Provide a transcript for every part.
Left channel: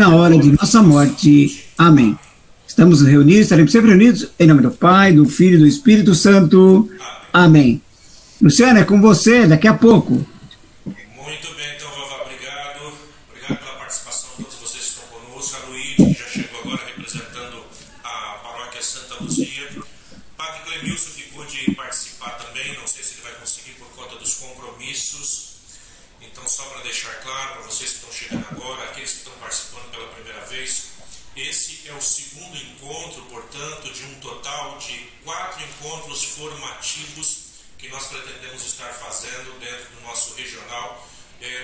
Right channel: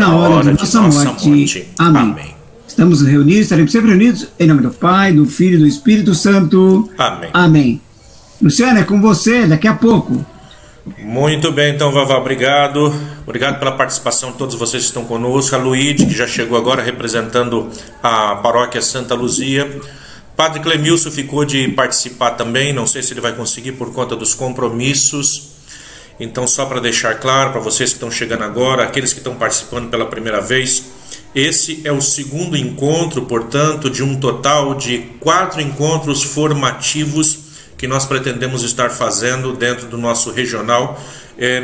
na hora de nossa morte. Amém. Estamos reunidos, estaremos sempre reunidos, em nome do Pai, do Filho e do Espírito Santo. Amém. Amém. Luciano, é com você daqui a pouco. Muito bem, então, Vavá, obrigado. Obrigado pela participação de todos vocês que estão conosco. A Luíde, que já chegou agora representando a paróquia Santa Luzia. Padre Clemilson ficou de participar também, não sei se ele vai conseguir por conta dos compromissos. Então, só para deixar claro para vocês que estão chegando agora, aqueles que estão participando pela primeira vez, esse é o segundo encontro, portanto, de um total de 4 encontros formativos que nós pretendemos estar fazendo dentro do nosso regional,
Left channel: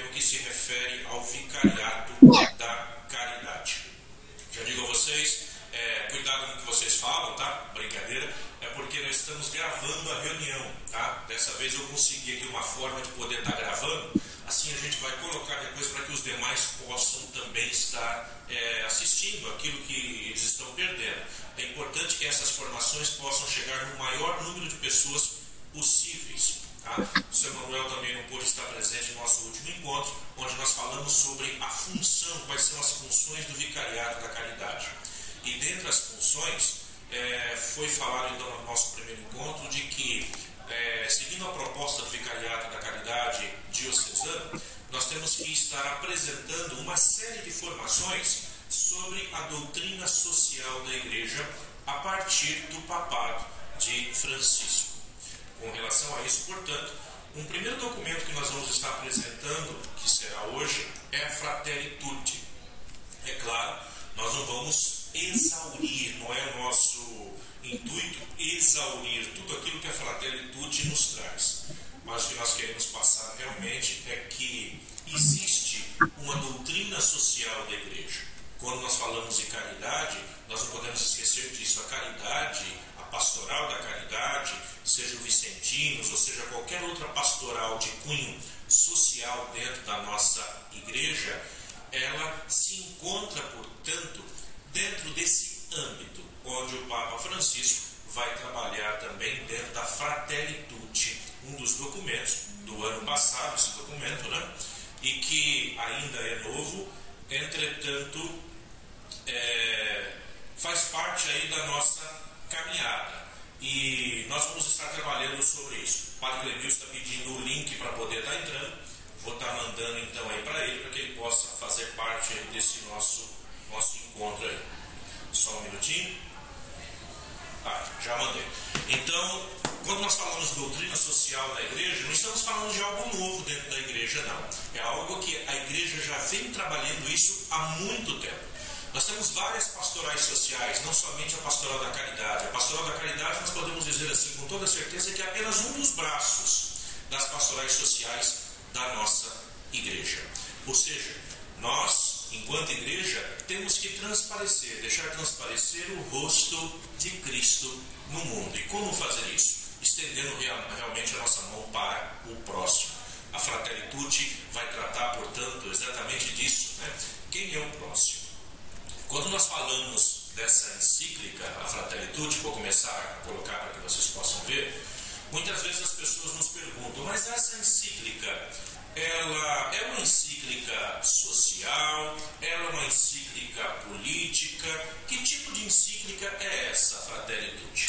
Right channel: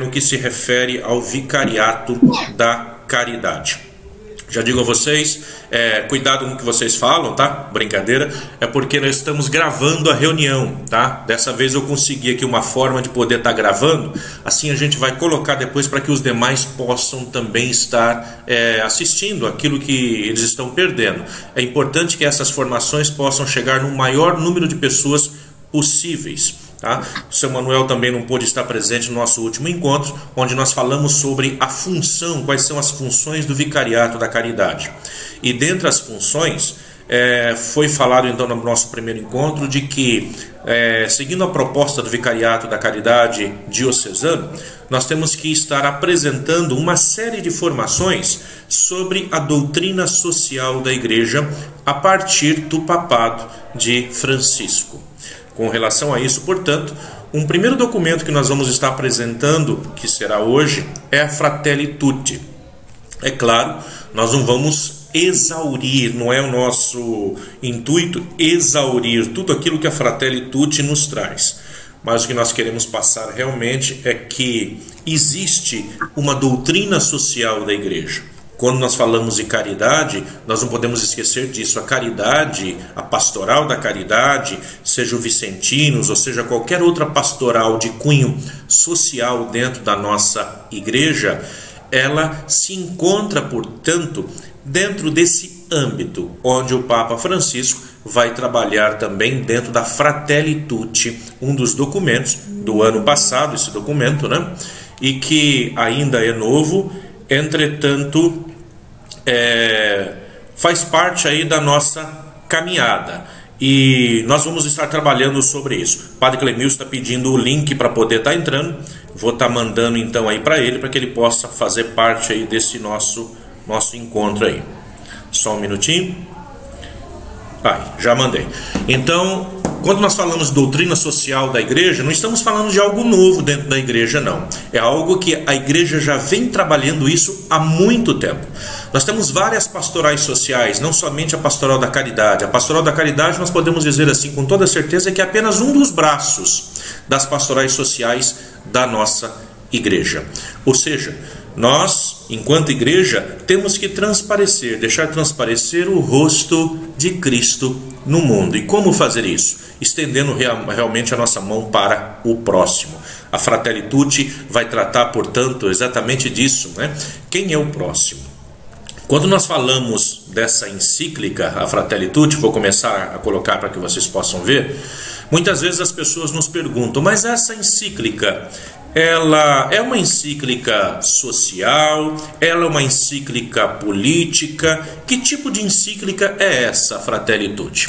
no que se refere ao Vicariato da Caridade. Já digo a vocês, cuidado com o que vocês falam, tá? Brincadeira, é porque nós estamos gravando a reunião, tá? Dessa vez eu consegui aqui uma forma de poder estar gravando, assim a gente vai colocar depois para que os demais possam também estar assistindo aquilo que eles estão perdendo. É importante que essas formações possam chegar no maior número de pessoas possíveis. Tá? O seu Manuel também não pôde estar presente no nosso último encontro, onde nós falamos sobre a função, quais são as funções do Vicariato da Caridade. E dentre as funções, foi falado então no nosso primeiro encontro de que, seguindo a proposta do Vicariato da Caridade diocesano, nós temos que estar apresentando uma série de formações sobre a doutrina social da Igreja a partir do papado de Francisco. Com relação a isso, portanto, um primeiro documento que nós vamos estar apresentando, que será hoje, é a Fratelli Tutti. É claro, nós não vamos exaurir, não é o nosso intuito exaurir tudo aquilo que a Fratelli Tutti nos traz. Mas o que nós queremos passar realmente é que existe uma doutrina social da Igreja. Quando nós falamos de caridade, nós não podemos esquecer disso. A caridade, a pastoral da caridade, seja o Vicentinos, ou seja qualquer outra pastoral de cunho social dentro da nossa igreja, ela se encontra, portanto, dentro desse âmbito, onde o Papa Francisco vai trabalhar também dentro da Fratelli Tutti, um dos documentos do ano passado, esse documento, né? E que ainda é novo. Entretanto, faz parte aí da nossa caminhada e nós vamos estar trabalhando sobre isso. O Padre Clemilson está pedindo o link para poder estar entrando, vou estar mandando então aí para ele, para que ele possa fazer parte aí desse nosso encontro aí. Só um minutinho. Já mandei. Então, quando nós falamos de doutrina social da igreja, não estamos falando de algo novo dentro da igreja, não. É algo que a igreja já vem trabalhando isso há muito tempo. Nós temos várias pastorais sociais, não somente a pastoral da caridade. A pastoral da caridade, nós podemos dizer assim com toda certeza, que é apenas um dos braços das pastorais sociais da nossa igreja. Ou seja, nós, enquanto igreja, temos que deixar transparecer o rosto de Cristo no mundo. E como fazer isso? Estendendo realmente a nossa mão para o próximo. A Fratelli Tutti vai tratar, portanto, exatamente disso, né? Quem é o próximo? Quando nós falamos dessa encíclica, a Fratelli Tutti, vou começar a colocar para que vocês possam ver, muitas vezes as pessoas nos perguntam, mas essa encíclica, ela é uma encíclica social? Ela é uma encíclica política? Que tipo de encíclica é essa, Fratelli Tutti?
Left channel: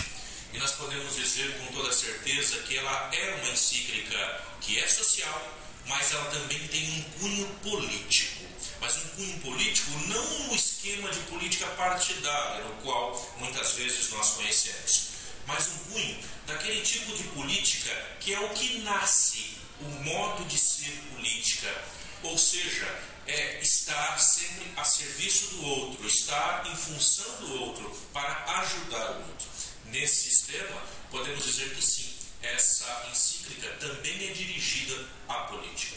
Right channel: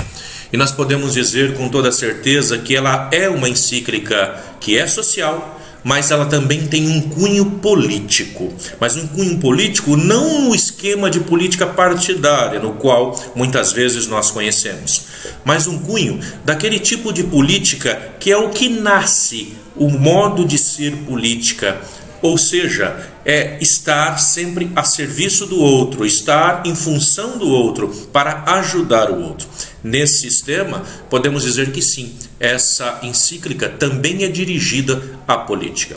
E nós podemos dizer com toda certeza que ela é uma encíclica que é social, mas ela também tem um cunho político. Mas um cunho político não no esquema de política partidária, no qual muitas vezes nós conhecemos, mas um cunho daquele tipo de política que é o que nasce, o modo de ser política, ou seja, é estar sempre a serviço do outro, estar em função do outro, para ajudar o outro. Nesse sistema, podemos dizer que sim, essa encíclica também é dirigida à política.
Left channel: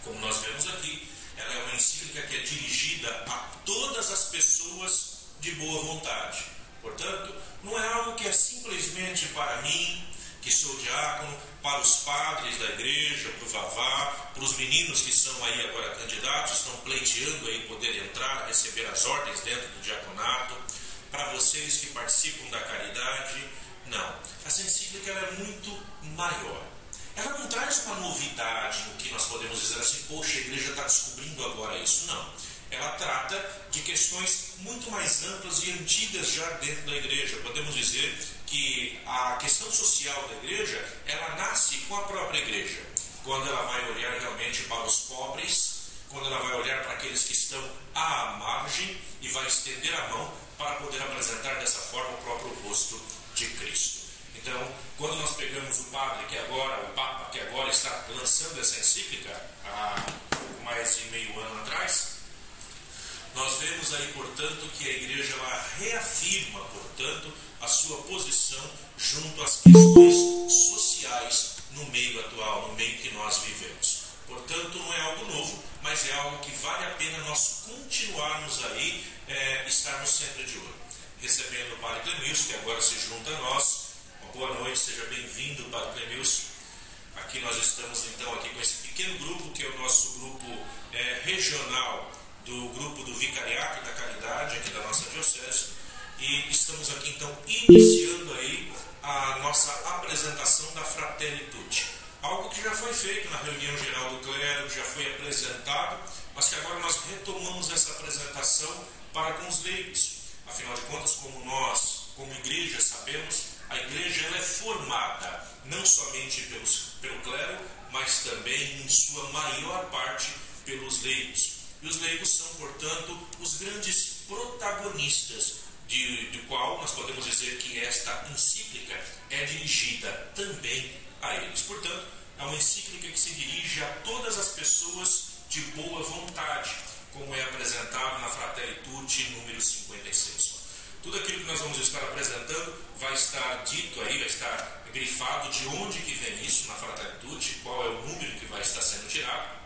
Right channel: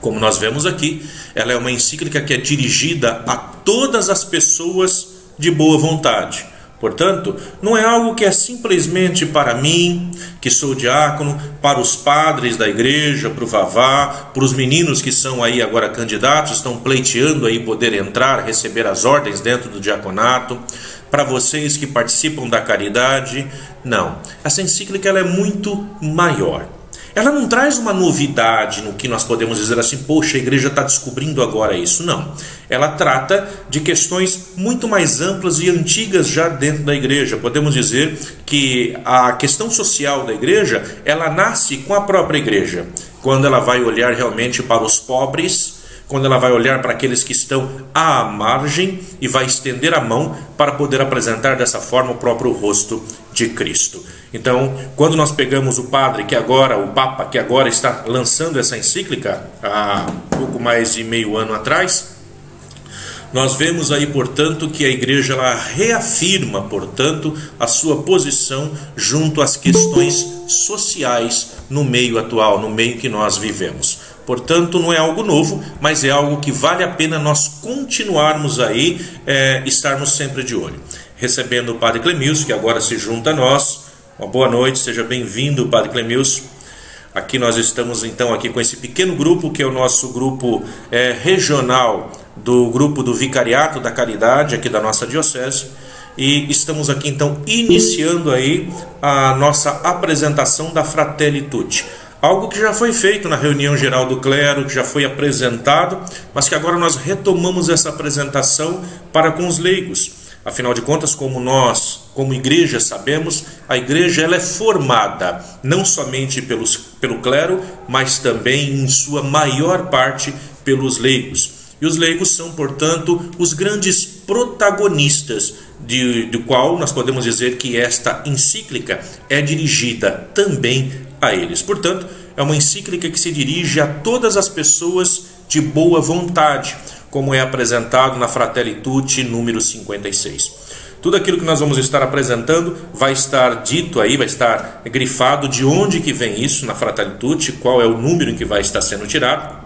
Como nós vemos aqui, ela é uma encíclica que é dirigida a todas as pessoas de boa vontade. Portanto, não é algo que é simplesmente para mim, que sou diácono, para os padres da igreja, para o Vavá, para os meninos que são aí agora candidatos, estão pleiteando aí poder entrar, receber as ordens dentro do diaconato, para vocês que participam da caridade. Não, essa encíclica ela é muito maior. ela não traz uma novidade no que nós podemos dizer assim, poxa, a igreja está descobrindo agora isso. Não. Ela trata de questões muito mais amplas e antigas já dentro da igreja. Podemos dizer que a questão social da igreja, ela nasce com a própria igreja. Quando ela vai olhar realmente para os pobres, quando ela vai olhar para aqueles que estão à margem e vai estender a mão para poder apresentar dessa forma o próprio rosto de Cristo. Então, quando nós pegamos o Papa, que agora está lançando essa encíclica há pouco mais de meio ano atrás, nós vemos aí, portanto, que a igreja ela reafirma, portanto, a sua posição junto às questões sociais no meio atual, no meio que nós vivemos. Portanto, não é algo novo, mas é algo que vale a pena nós continuarmos aí, estarmos sempre de olho. Recebendo o Padre Clemilson, que agora se junta a nós. Uma boa noite, seja bem-vindo, Padre Clemilson. Aqui nós estamos então aqui com esse pequeno grupo, que é o nosso grupo regional do grupo do Vicariato da Caridade, aqui da nossa diocese. E estamos aqui então iniciando aí a nossa apresentação da Fratelli Tutti. Algo que já foi feito na reunião geral do clero, que já foi apresentado, mas que agora nós retomamos essa apresentação para com os leigos. Afinal de contas, como nós, como igreja, sabemos, a igreja ela é formada não somente pelo clero, mas também, em sua maior parte, pelos leigos. E os leigos são, portanto, os grandes protagonistas, do qual nós podemos dizer que esta encíclica é dirigida também a eles. Portanto, é uma encíclica que se dirige a todas as pessoas de boa vontade, como é apresentado na Fratelli Tutti, número 56. Tudo aquilo que nós vamos estar apresentando vai estar dito aí, vai estar grifado de onde que vem isso na Fratelli Tutti, qual é o número em que vai estar sendo tirado.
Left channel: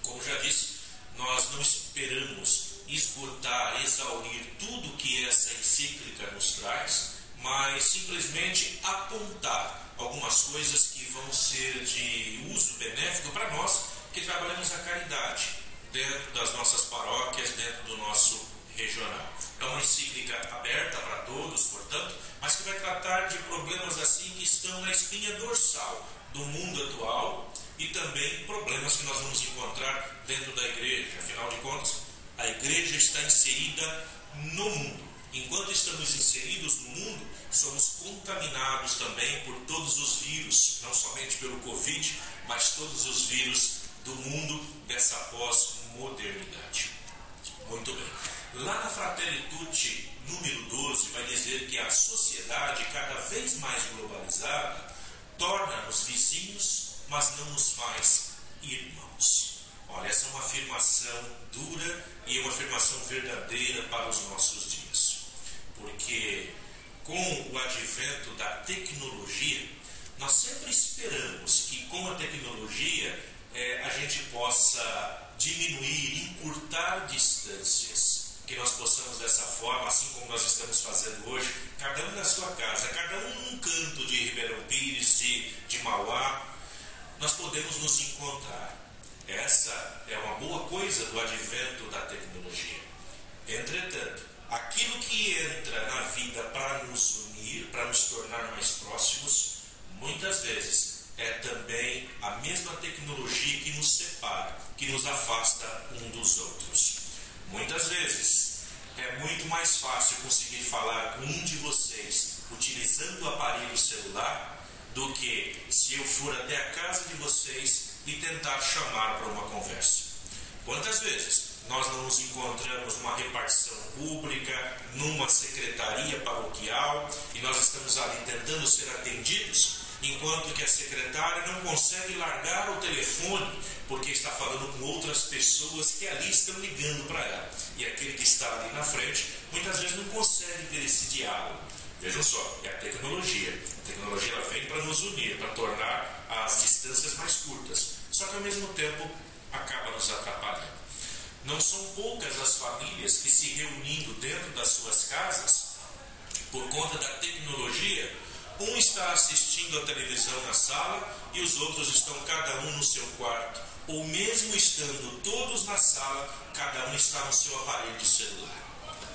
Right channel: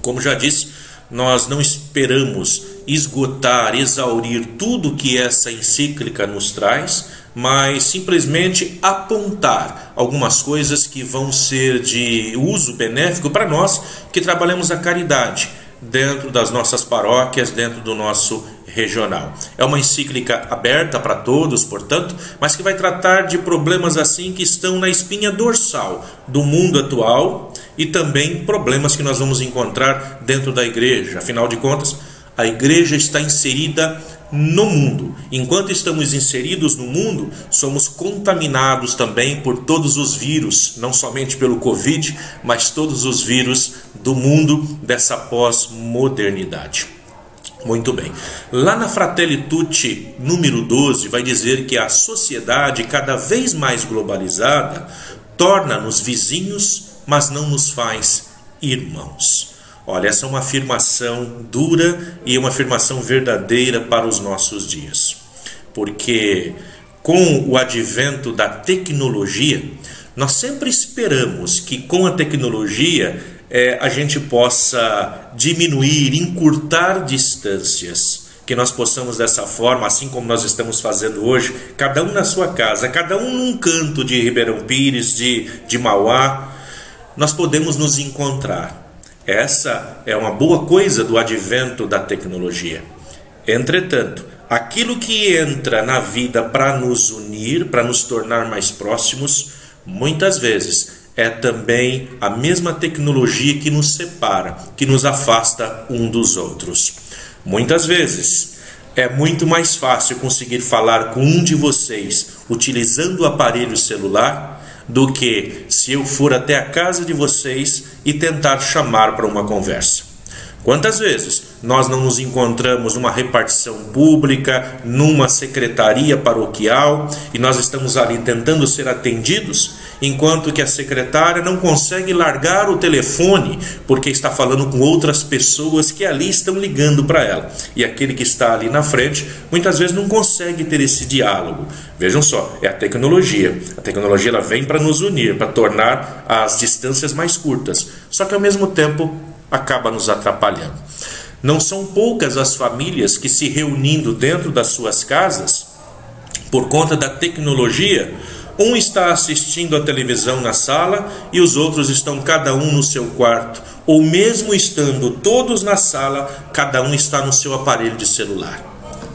Como já disse, nós não esperamos esgotar, exaurir tudo que essa encíclica nos traz, mas simplesmente apontar algumas coisas que vão ser de uso benéfico para nós que trabalhamos a caridade dentro das nossas paróquias, dentro do nosso regional. É uma encíclica aberta para todos, portanto, mas que vai tratar de problemas assim que estão na espinha dorsal do mundo atual e também problemas que nós vamos encontrar dentro da igreja. Afinal de contas, a igreja está inserida no mundo. Enquanto estamos inseridos no mundo, somos contaminados também por todos os vírus, não somente pelo Covid, mas todos os vírus do mundo dessa pós-modernidade. Muito bem. Lá na Fratelli Tutti, número 12, vai dizer que a sociedade, cada vez mais globalizada, torna-nos vizinhos, mas não nos faz irmãos. Olha, essa é uma afirmação dura e uma afirmação verdadeira para os nossos dias. Porque com o advento da tecnologia, nós sempre esperamos que com a tecnologia a gente possa diminuir, encurtar distâncias. Que nós possamos dessa forma, assim como nós estamos fazendo hoje, cada um na sua casa, cada um num canto de Ribeirão Pires, de Mauá, nós podemos nos encontrar. Essa é uma boa coisa do advento da tecnologia. Entretanto, aquilo que entra na vida para nos unir, para nos tornar mais próximos, muitas vezes é também a mesma tecnologia que nos separa, que nos afasta um dos outros. Muitas vezes é muito mais fácil conseguir falar com um de vocês utilizando o aparelho celular do que se eu for até a casa de vocês e tentar chamar para uma conversa. Quantas vezes nós não nos encontramos numa repartição pública, numa secretaria paroquial, e nós estamos ali tentando ser atendidos, enquanto que a secretária não consegue largar o telefone porque está falando com outras pessoas que ali estão ligando para ela. E aquele que está ali na frente, muitas vezes não consegue ter esse diálogo. Vejam só, é a tecnologia. A tecnologia ela vem para nos unir, para tornar as distâncias mais curtas. Só que ao mesmo tempo acaba nos atrapalhando. Não são poucas as famílias que se reunindo dentro das suas casas, por conta da tecnologia, um está assistindo a televisão na sala e os outros estão cada um no seu quarto. Ou mesmo estando todos na sala, cada um está no seu aparelho de celular.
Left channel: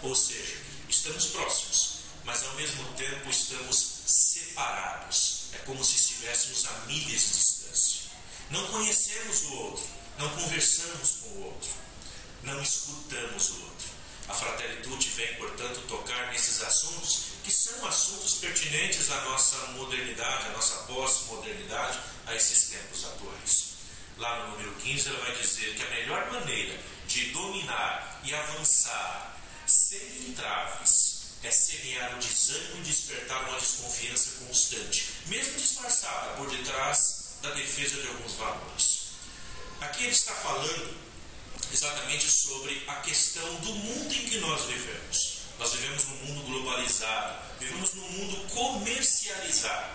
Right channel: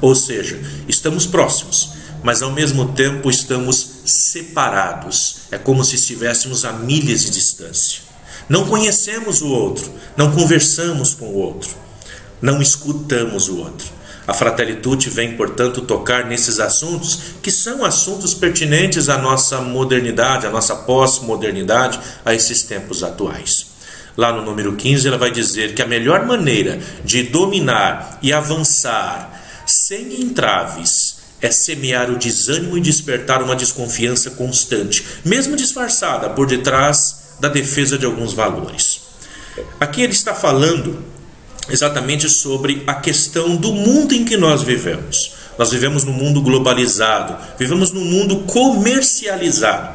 Ou seja, estamos próximos, mas ao mesmo tempo estamos separados. É como se estivéssemos a milhas de distância. Não conhecemos o outro, não conversamos com o outro, não escutamos o outro. A Fratelli Tutti vem, portanto, tocar nesses assuntos que são assuntos pertinentes à nossa modernidade, à nossa pós-modernidade, a esses tempos atuais. Lá no número 15, ela vai dizer que a melhor maneira de dominar e avançar sem entraves é semear o desânimo e despertar uma desconfiança constante, mesmo disfarçada por detrás da defesa de alguns valores. Aqui ele está falando exatamente sobre a questão do mundo em que nós vivemos. Nós vivemos num mundo globalizado, vivemos num mundo comercializado,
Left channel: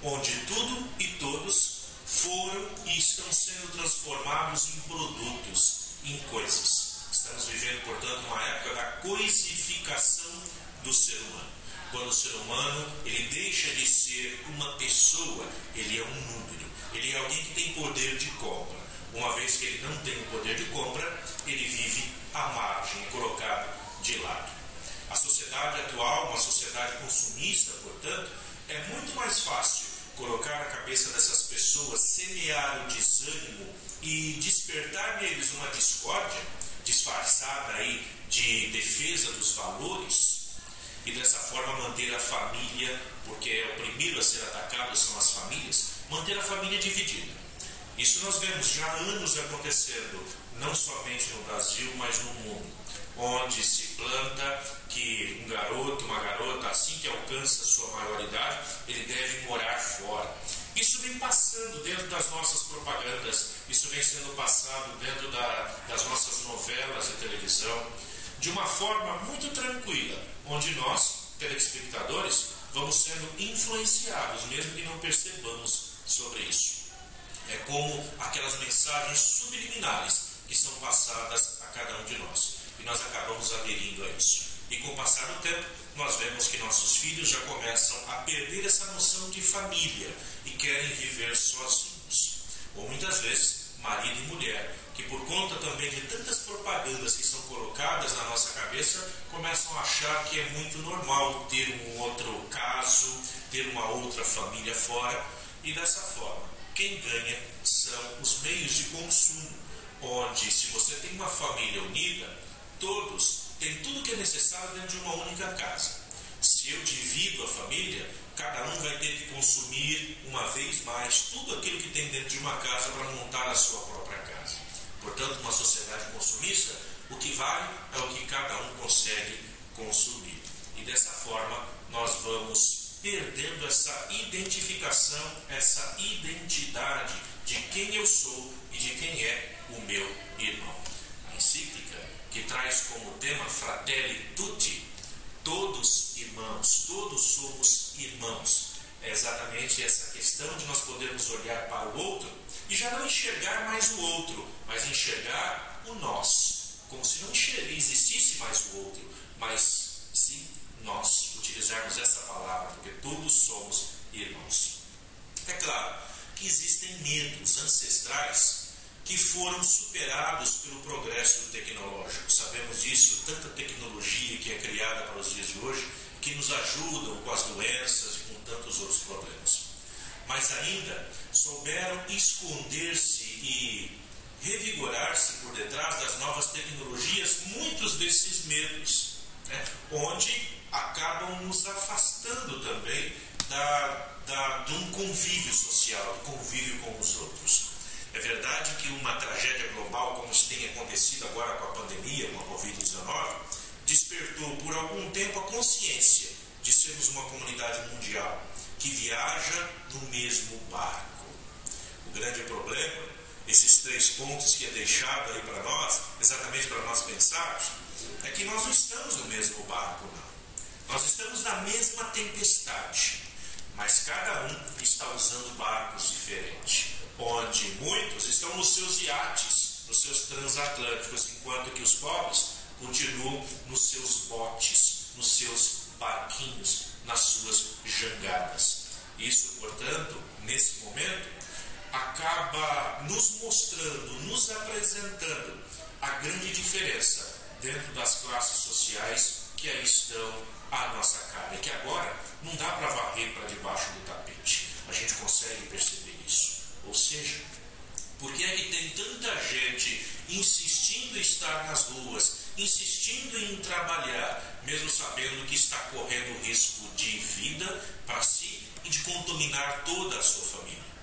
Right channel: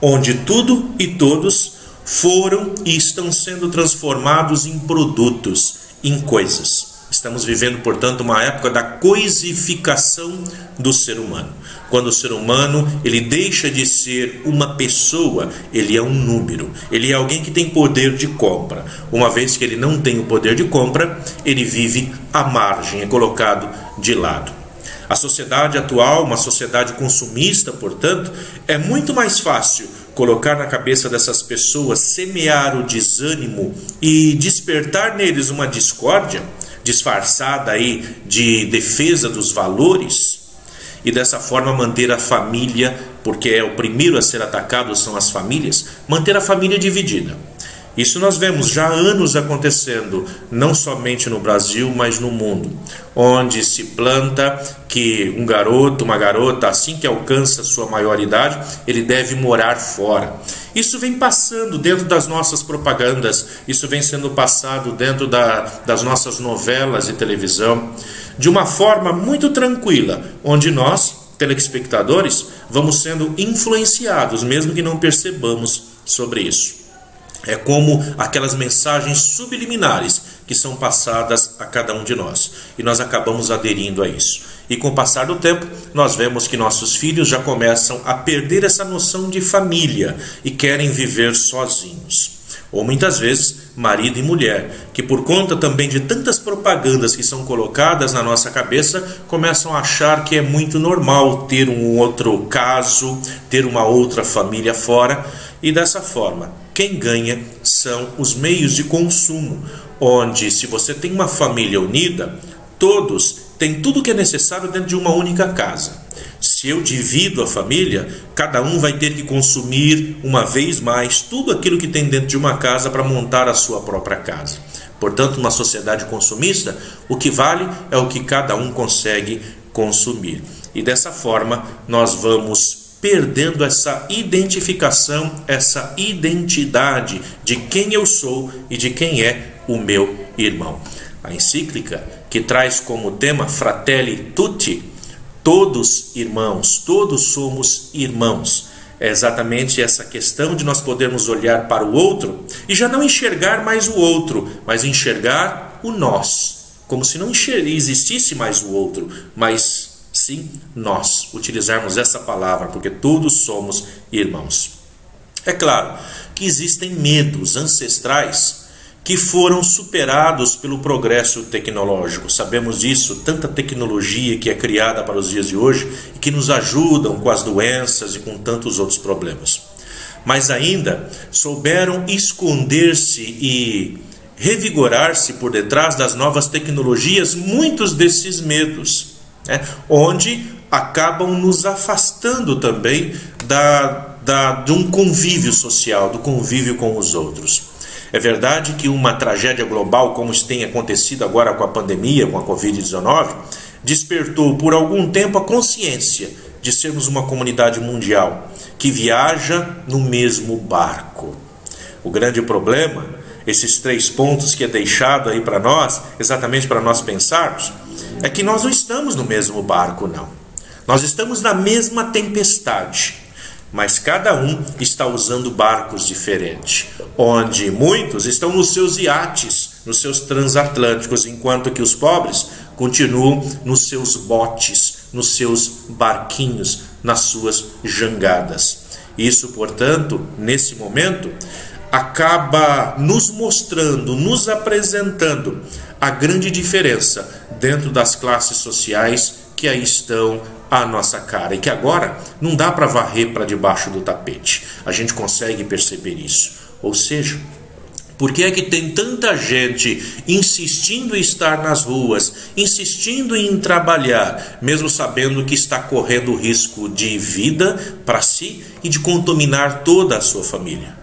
onde tudo e todos foram e estão sendo transformados em produtos, em coisas. Estamos vivendo, portanto, uma época da coisificação do ser humano. Quando o ser humano ele deixa de ser uma pessoa, ele é um número. Ele é alguém que tem poder de compra. Uma vez que ele não tem o poder de compra, ele vive à margem, é colocado de lado. A sociedade atual, uma sociedade consumista, portanto, é muito mais fácil colocar na cabeça dessas pessoas, semear o desânimo e despertar neles uma discórdia, disfarçada aí de defesa dos valores, e dessa forma manter a família, porque é o primeiro a ser atacado são as famílias, manter a família dividida. Isso nós vemos já há anos acontecendo, não somente no Brasil, mas no mundo, onde se planta que um garoto, uma garota, assim que alcança sua maioridade, ele deve morar fora. Isso vem passando dentro das nossas propagandas, isso vem sendo passado dentro das nossas novelas e televisão, de uma forma muito tranquila, onde nós, telespectadores, vamos sendo influenciados, mesmo que não percebamos sobre isso. É como aquelas mensagens subliminares que são passadas a cada um de nós. E nós acabamos aderindo a isso. E com o passar do tempo, nós vemos que nossos filhos já começam a perder essa noção de família e querem viver sozinhos. Ou muitas vezes, marido e mulher, que por conta também de tantas propagandas que são colocadas na nossa cabeça, começam a achar que é muito normal ter um outro caso, ter uma outra família fora. E dessa forma, quem ganha são os meios de consumo, onde se você tem uma família unida, todos têm tudo o que é necessário dentro de uma única casa. Se eu divido a família, cada um vai ter que consumir uma vez mais tudo aquilo que tem dentro de uma casa para montar a sua própria casa. Portanto, numa sociedade consumista, o que vale é o que cada um consegue consumir. E dessa forma, nós vamos perdendo essa identificação, essa identidade de quem eu sou e de quem é o meu irmão. A encíclica, que traz como tema Fratelli Tutti, todos irmãos, todos somos irmãos. É exatamente essa questão de nós podermos olhar para o outro e já não enxergar mais o outro, mas enxergar o nós, como se não existisse mais o outro, mas sim nós, utilizarmos essa palavra, porque todos somos irmãos. É claro que existem medos ancestrais que foram superados pelo progresso tecnológico. Sabemos disso, tanta tecnologia que é criada para os dias de hoje e que nos ajudam com as doenças e com tantos outros problemas. Mas ainda souberam esconder-se e revigorar-se por detrás das novas tecnologias muitos desses medos, onde acabam nos afastando também de um convívio social, do convívio com os outros. É verdade que uma tragédia global, como tem acontecido agora com a pandemia, com a Covid-19, despertou por algum tempo a consciência de sermos uma comunidade mundial que viaja no mesmo barco. O grande problema, esses 3 pontos que é deixado aí para nós, exatamente para nós pensarmos, é que nós não estamos no mesmo barco, não. Nós estamos na mesma tempestade, mas cada um está usando barcos diferentes, onde muitos estão nos seus iates, nos seus transatlânticos, enquanto que os pobres continuam nos seus botes, nos seus barquinhos, nas suas jangadas. Isso, portanto, nesse momento, acaba nos mostrando, nos apresentando a grande diferença dentro das classes sociais que que aí estão à nossa cara e que agora não dá para varrer para debaixo do tapete. A gente consegue perceber isso. Ou seja, por que é que tem tanta gente insistindo em estar nas ruas, insistindo em trabalhar, mesmo sabendo que está correndo risco de vida para si e de contaminar toda a sua família?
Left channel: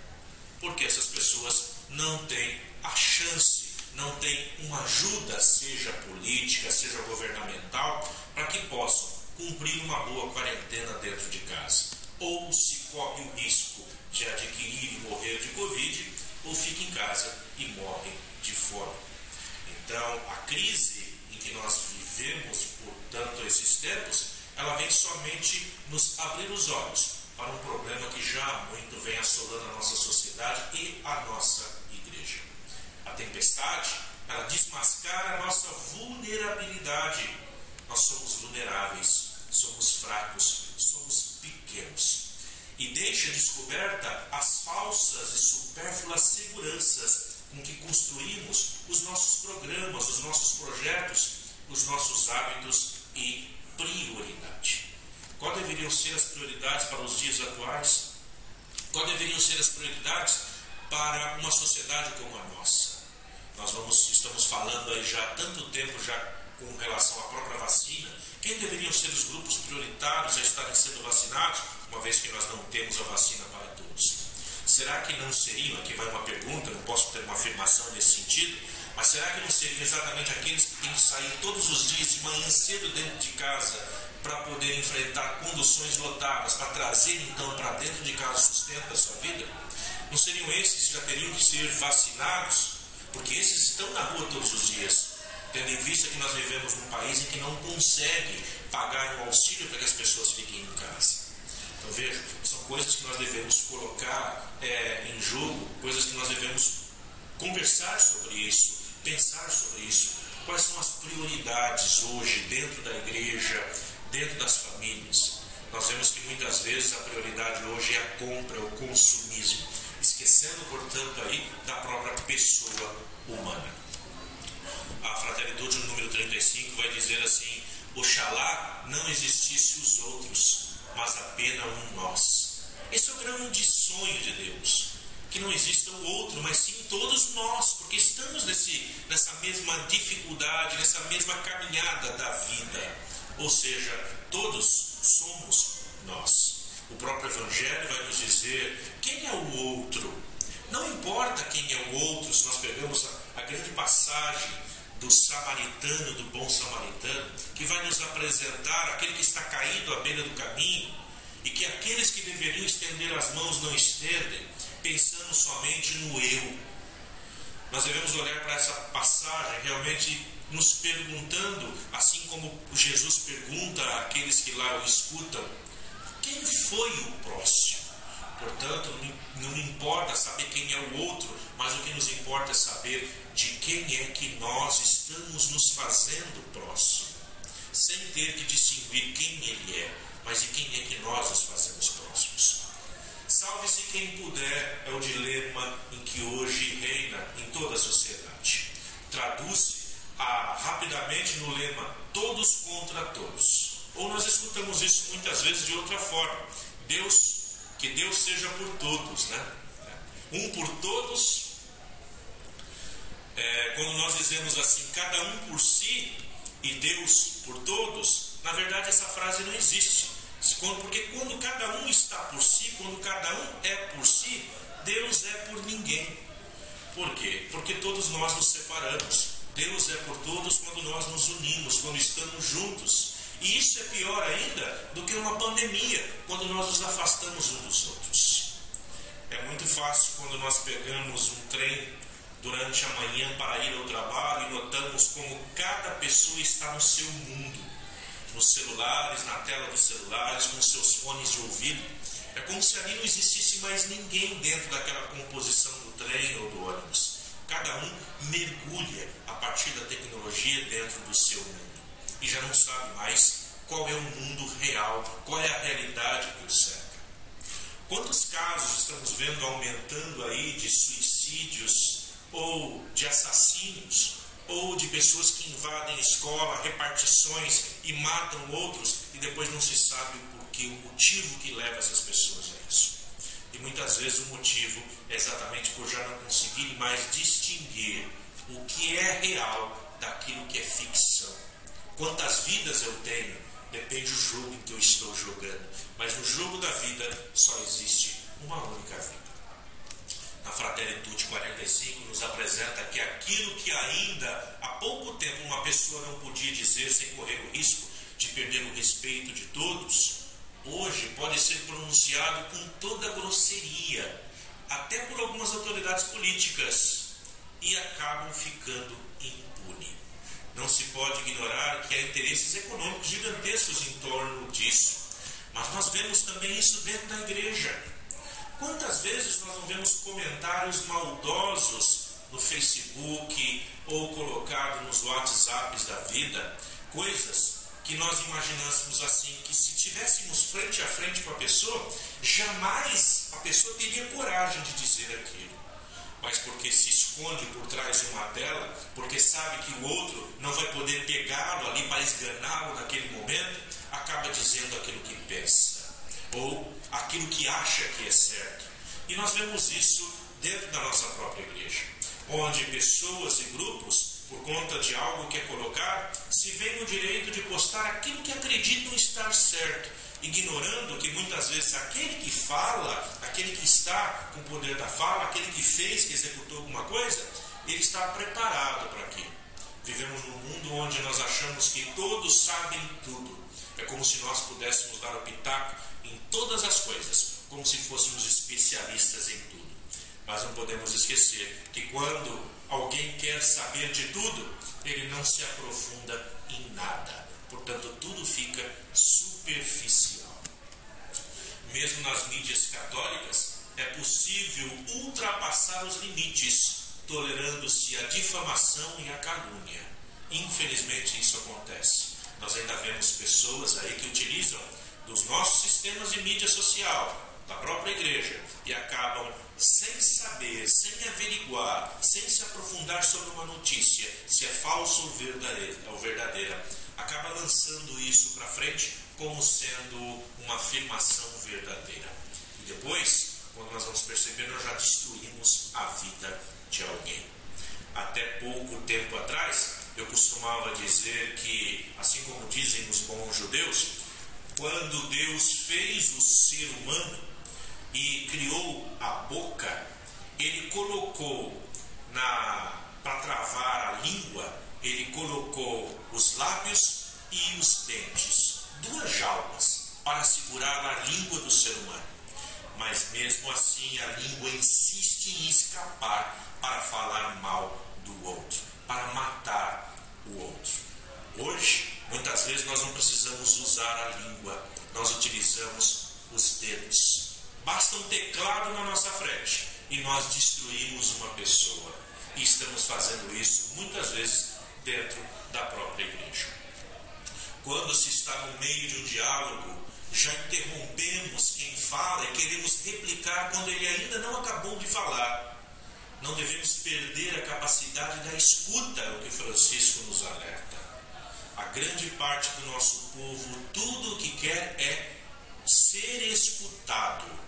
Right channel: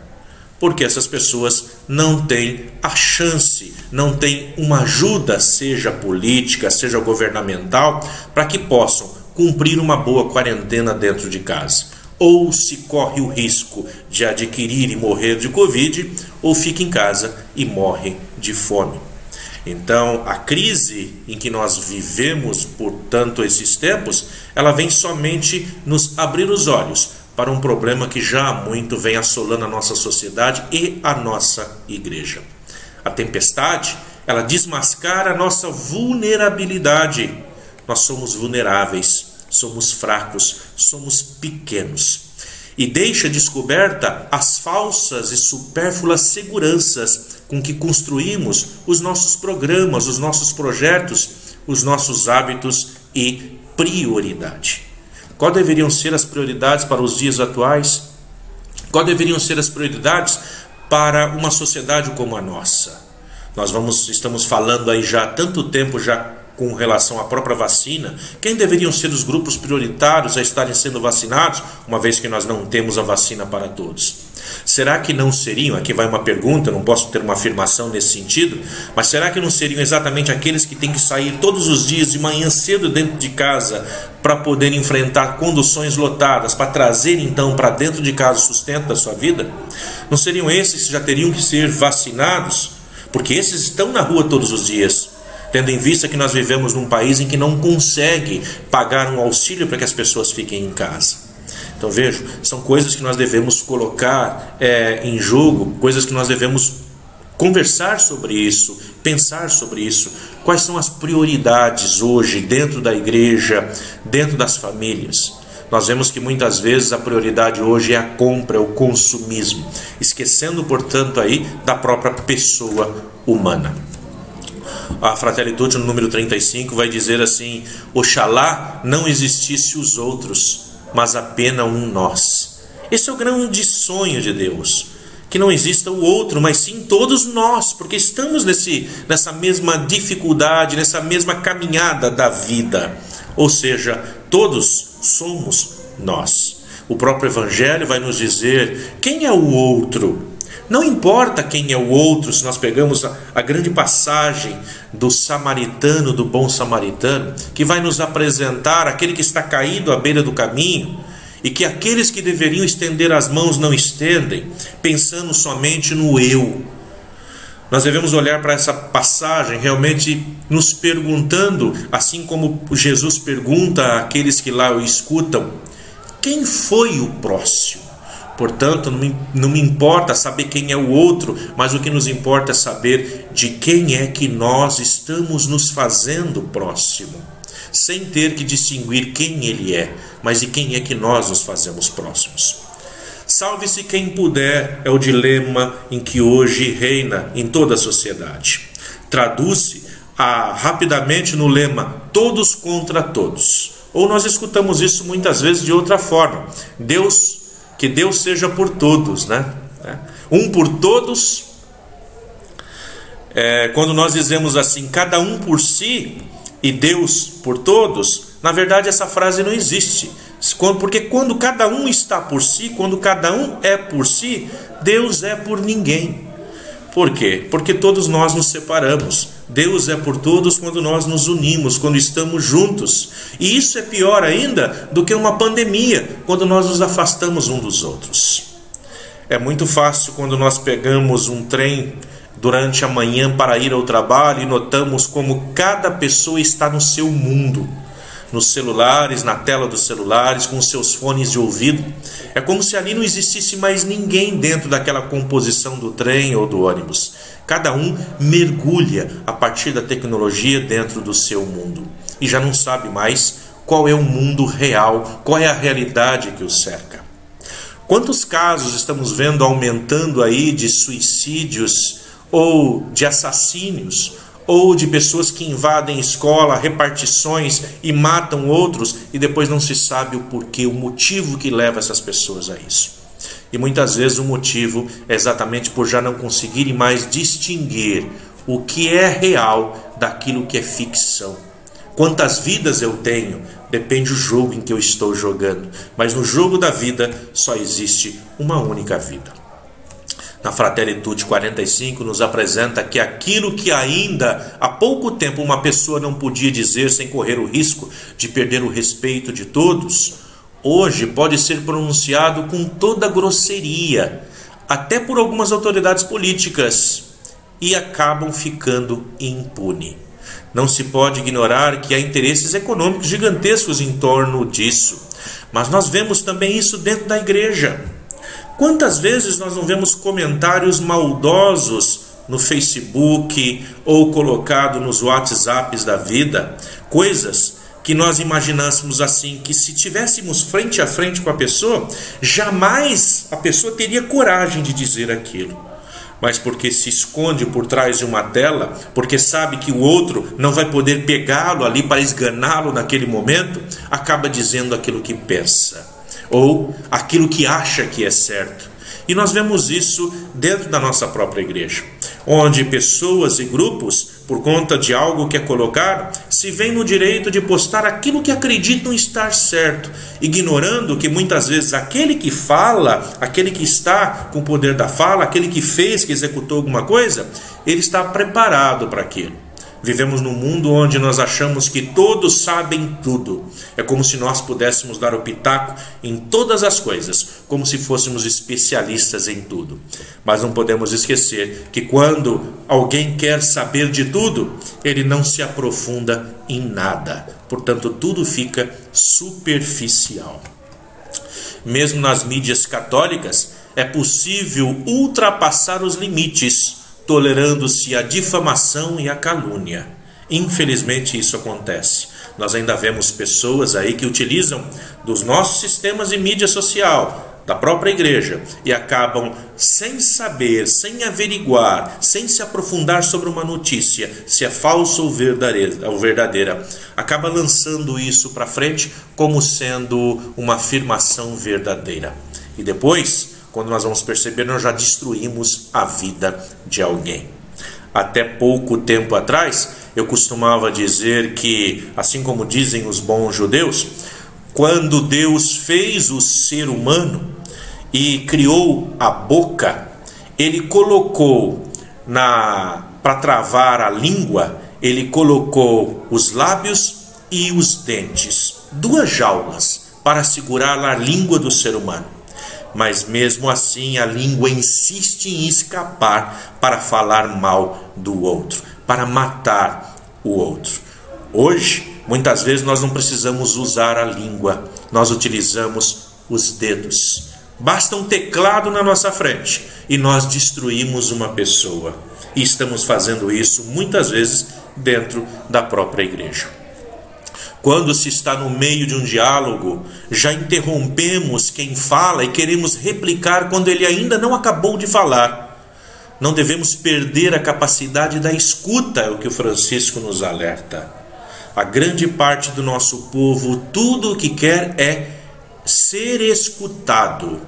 Porque essas pessoas não têm a chance, não têm uma ajuda, seja política, seja governamental, para que possam cumprir uma boa quarentena dentro de casa. Ou se corre o risco de adquirir e morrer de Covid, ou fica em casa e morre de fome. Então, a crise em que nós vivemos, portanto, esses tempos, ela vem somente nos abrir os olhos para um problema que já há muito vem assolando a nossa sociedade e a nossa igreja. A tempestade, ela desmascara a nossa vulnerabilidade. Nós somos vulneráveis, somos fracos, somos pequenos. E deixa descoberta as falsas e supérfluas seguranças com que construímos os nossos programas, os nossos projetos, os nossos hábitos e prioridade. Quais deveriam ser as prioridades para os dias atuais? Quais deveriam ser as prioridades para uma sociedade como a nossa? Estamos falando aí já há tanto tempo já com relação à própria vacina. Quem deveriam ser os grupos prioritários a estarem sendo vacinados, uma vez que nós não temos a vacina para todos? Será que não seriam, aqui vai uma pergunta, não posso ter uma afirmação nesse sentido, mas será que não seriam exatamente aqueles que têm que sair todos os dias de manhã cedo dentro de casa para poder enfrentar conduções lotadas, para trazer então para dentro de casa o sustento da sua vida? Não seriam esses que já teriam que ser vacinados? Porque esses estão na rua todos os dias, tendo em vista que nós vivemos num país em que não consegue pagar um auxílio para que as pessoas fiquem em casa. Então vejo, são coisas que nós devemos colocar em jogo, coisas que nós devemos conversar sobre isso, pensar sobre isso. Quais são as prioridades hoje dentro da igreja, dentro das famílias? Nós vemos que muitas vezes a prioridade hoje é a compra, é o consumismo, esquecendo, portanto, aí da própria pessoa humana. A Fratelli Tutti, no número 35, vai dizer assim: Oxalá não existisse os outros, mas apenas um nós. Esse é o grande sonho de Deus, que não exista o outro, mas sim todos nós, porque estamos nessa mesma dificuldade, nessa mesma caminhada da vida. Ou seja, todos somos nós. O próprio Evangelho vai nos dizer quem é o outro. Não importa quem é o outro, se nós pegamos a grande passagem do samaritano, do bom samaritano, que vai nos apresentar aquele que está caído à beira do caminho, e que aqueles que deveriam estender as mãos não estendem, pensando somente no eu. Nós devemos olhar para essa passagem realmente nos perguntando, assim como Jesus pergunta àqueles que lá o escutam, quem foi o próximo? Portanto, não me importa saber quem é o outro, mas o que nos importa é saber de quem é que nós estamos nos fazendo próximo, sem ter que distinguir quem ele é, mas de quem é que nós nos fazemos próximos. Salve-se quem puder é o dilema em que hoje reina em toda a sociedade. Traduz-se rapidamente no lema todos contra todos. Ou nós escutamos isso muitas vezes de outra forma. Que Deus seja por todos, né? Um por todos. Quando nós dizemos assim, cada um por si e Deus por todos, na verdade essa frase não existe. Porque quando cada um está por si, quando cada um é por si, Deus é por ninguém. Por quê? Porque todos nós nos separamos. Deus é por todos quando nós nos unimos, quando estamos juntos. E isso é pior ainda do que uma pandemia, quando nós nos afastamos uns dos outros. É muito fácil quando nós pegamos um trem durante a manhã para ir ao trabalho e notamos como cada pessoa está no seu mundo, nos celulares, na tela dos celulares, com seus fones de ouvido. É como se ali não existisse mais ninguém dentro daquela composição do trem ou do ônibus. Cada um mergulha a partir da tecnologia dentro do seu mundo e já não sabe mais qual é o mundo real, qual é a realidade que o cerca. Quantos casos estamos vendo aumentando aí de suicídios ou de assassínios ou de pessoas que invadem escola, repartições e matam outros, e depois não se sabe o porquê, o motivo que leva essas pessoas a isso. E muitas vezes o motivo é exatamente por já não conseguirem mais distinguir o que é real daquilo que é ficção. Quantas vidas eu tenho, depende do jogo em que eu estou jogando, mas no jogo da vida só existe uma única vida. Na Fratelli Tutti 45 nos apresenta que aquilo que ainda há pouco tempo uma pessoa não podia dizer sem correr o risco de perder o respeito de todos, hoje pode ser pronunciado com toda grosseria, até por algumas autoridades políticas, e acabam ficando impune. Não se pode ignorar que há interesses econômicos gigantescos em torno disso, mas nós vemos também isso dentro da igreja. Quantas vezes nós não vemos comentários maldosos no Facebook ou colocado nos WhatsApps da vida, coisas que nós imaginássemos assim, que se tivéssemos frente a frente com a pessoa, jamais a pessoa teria coragem de dizer aquilo. Mas porque se esconde por trás de uma tela, porque sabe que o outro não vai poder pegá-lo ali para esganá-lo naquele momento, acaba dizendo aquilo que pensa, ou aquilo que acha que é certo. E nós vemos isso dentro da nossa própria igreja, onde pessoas e grupos, por conta de algo que é colocado, se veem no direito de postar aquilo que acreditam estar certo, ignorando que muitas vezes aquele que fala, aquele que está com o poder da fala, aquele que fez, que executou alguma coisa, ele está preparado para aquilo. Vivemos num mundo onde nós achamos que todos sabem tudo. É como se nós pudéssemos dar o pitaco em todas as coisas, como se fôssemos especialistas em tudo. Mas não podemos esquecer que quando alguém quer saber de tudo, ele não se aprofunda em nada. Portanto, tudo fica superficial. Mesmo nas mídias católicas, é possível ultrapassar os limites, tolerando-se a difamação e a calúnia. Infelizmente isso acontece. Nós ainda vemos pessoas aí que utilizam dos nossos sistemas de mídia social, da própria igreja, e acabam sem saber, sem averiguar, sem se aprofundar sobre uma notícia, se é falsa ou verdadeira, acaba lançando isso para frente como sendo uma afirmação verdadeira. E depois, quando nós vamos perceber, nós já destruímos a vida de alguém. Até pouco tempo atrás, eu costumava dizer que, assim como dizem os bons judeus, quando Deus fez o ser humano e criou a boca, ele colocou para travar a língua, ele colocou os lábios e os dentes, duas jaulas para segurar a língua do ser humano. Mas mesmo assim a língua insiste em escapar para falar mal do outro, para matar o outro. Hoje, muitas vezes nós não precisamos usar a língua, nós utilizamos os dedos. Basta um teclado na nossa frente e nós destruímos uma pessoa. E estamos fazendo isso muitas vezes dentro da própria igreja. Quando se está no meio de um diálogo, já interrompemos quem fala e queremos replicar quando ele ainda não acabou de falar. Não devemos perder a capacidade da escuta, é o que o Francisco nos alerta. A grande parte do nosso povo, tudo o que quer é ser escutado.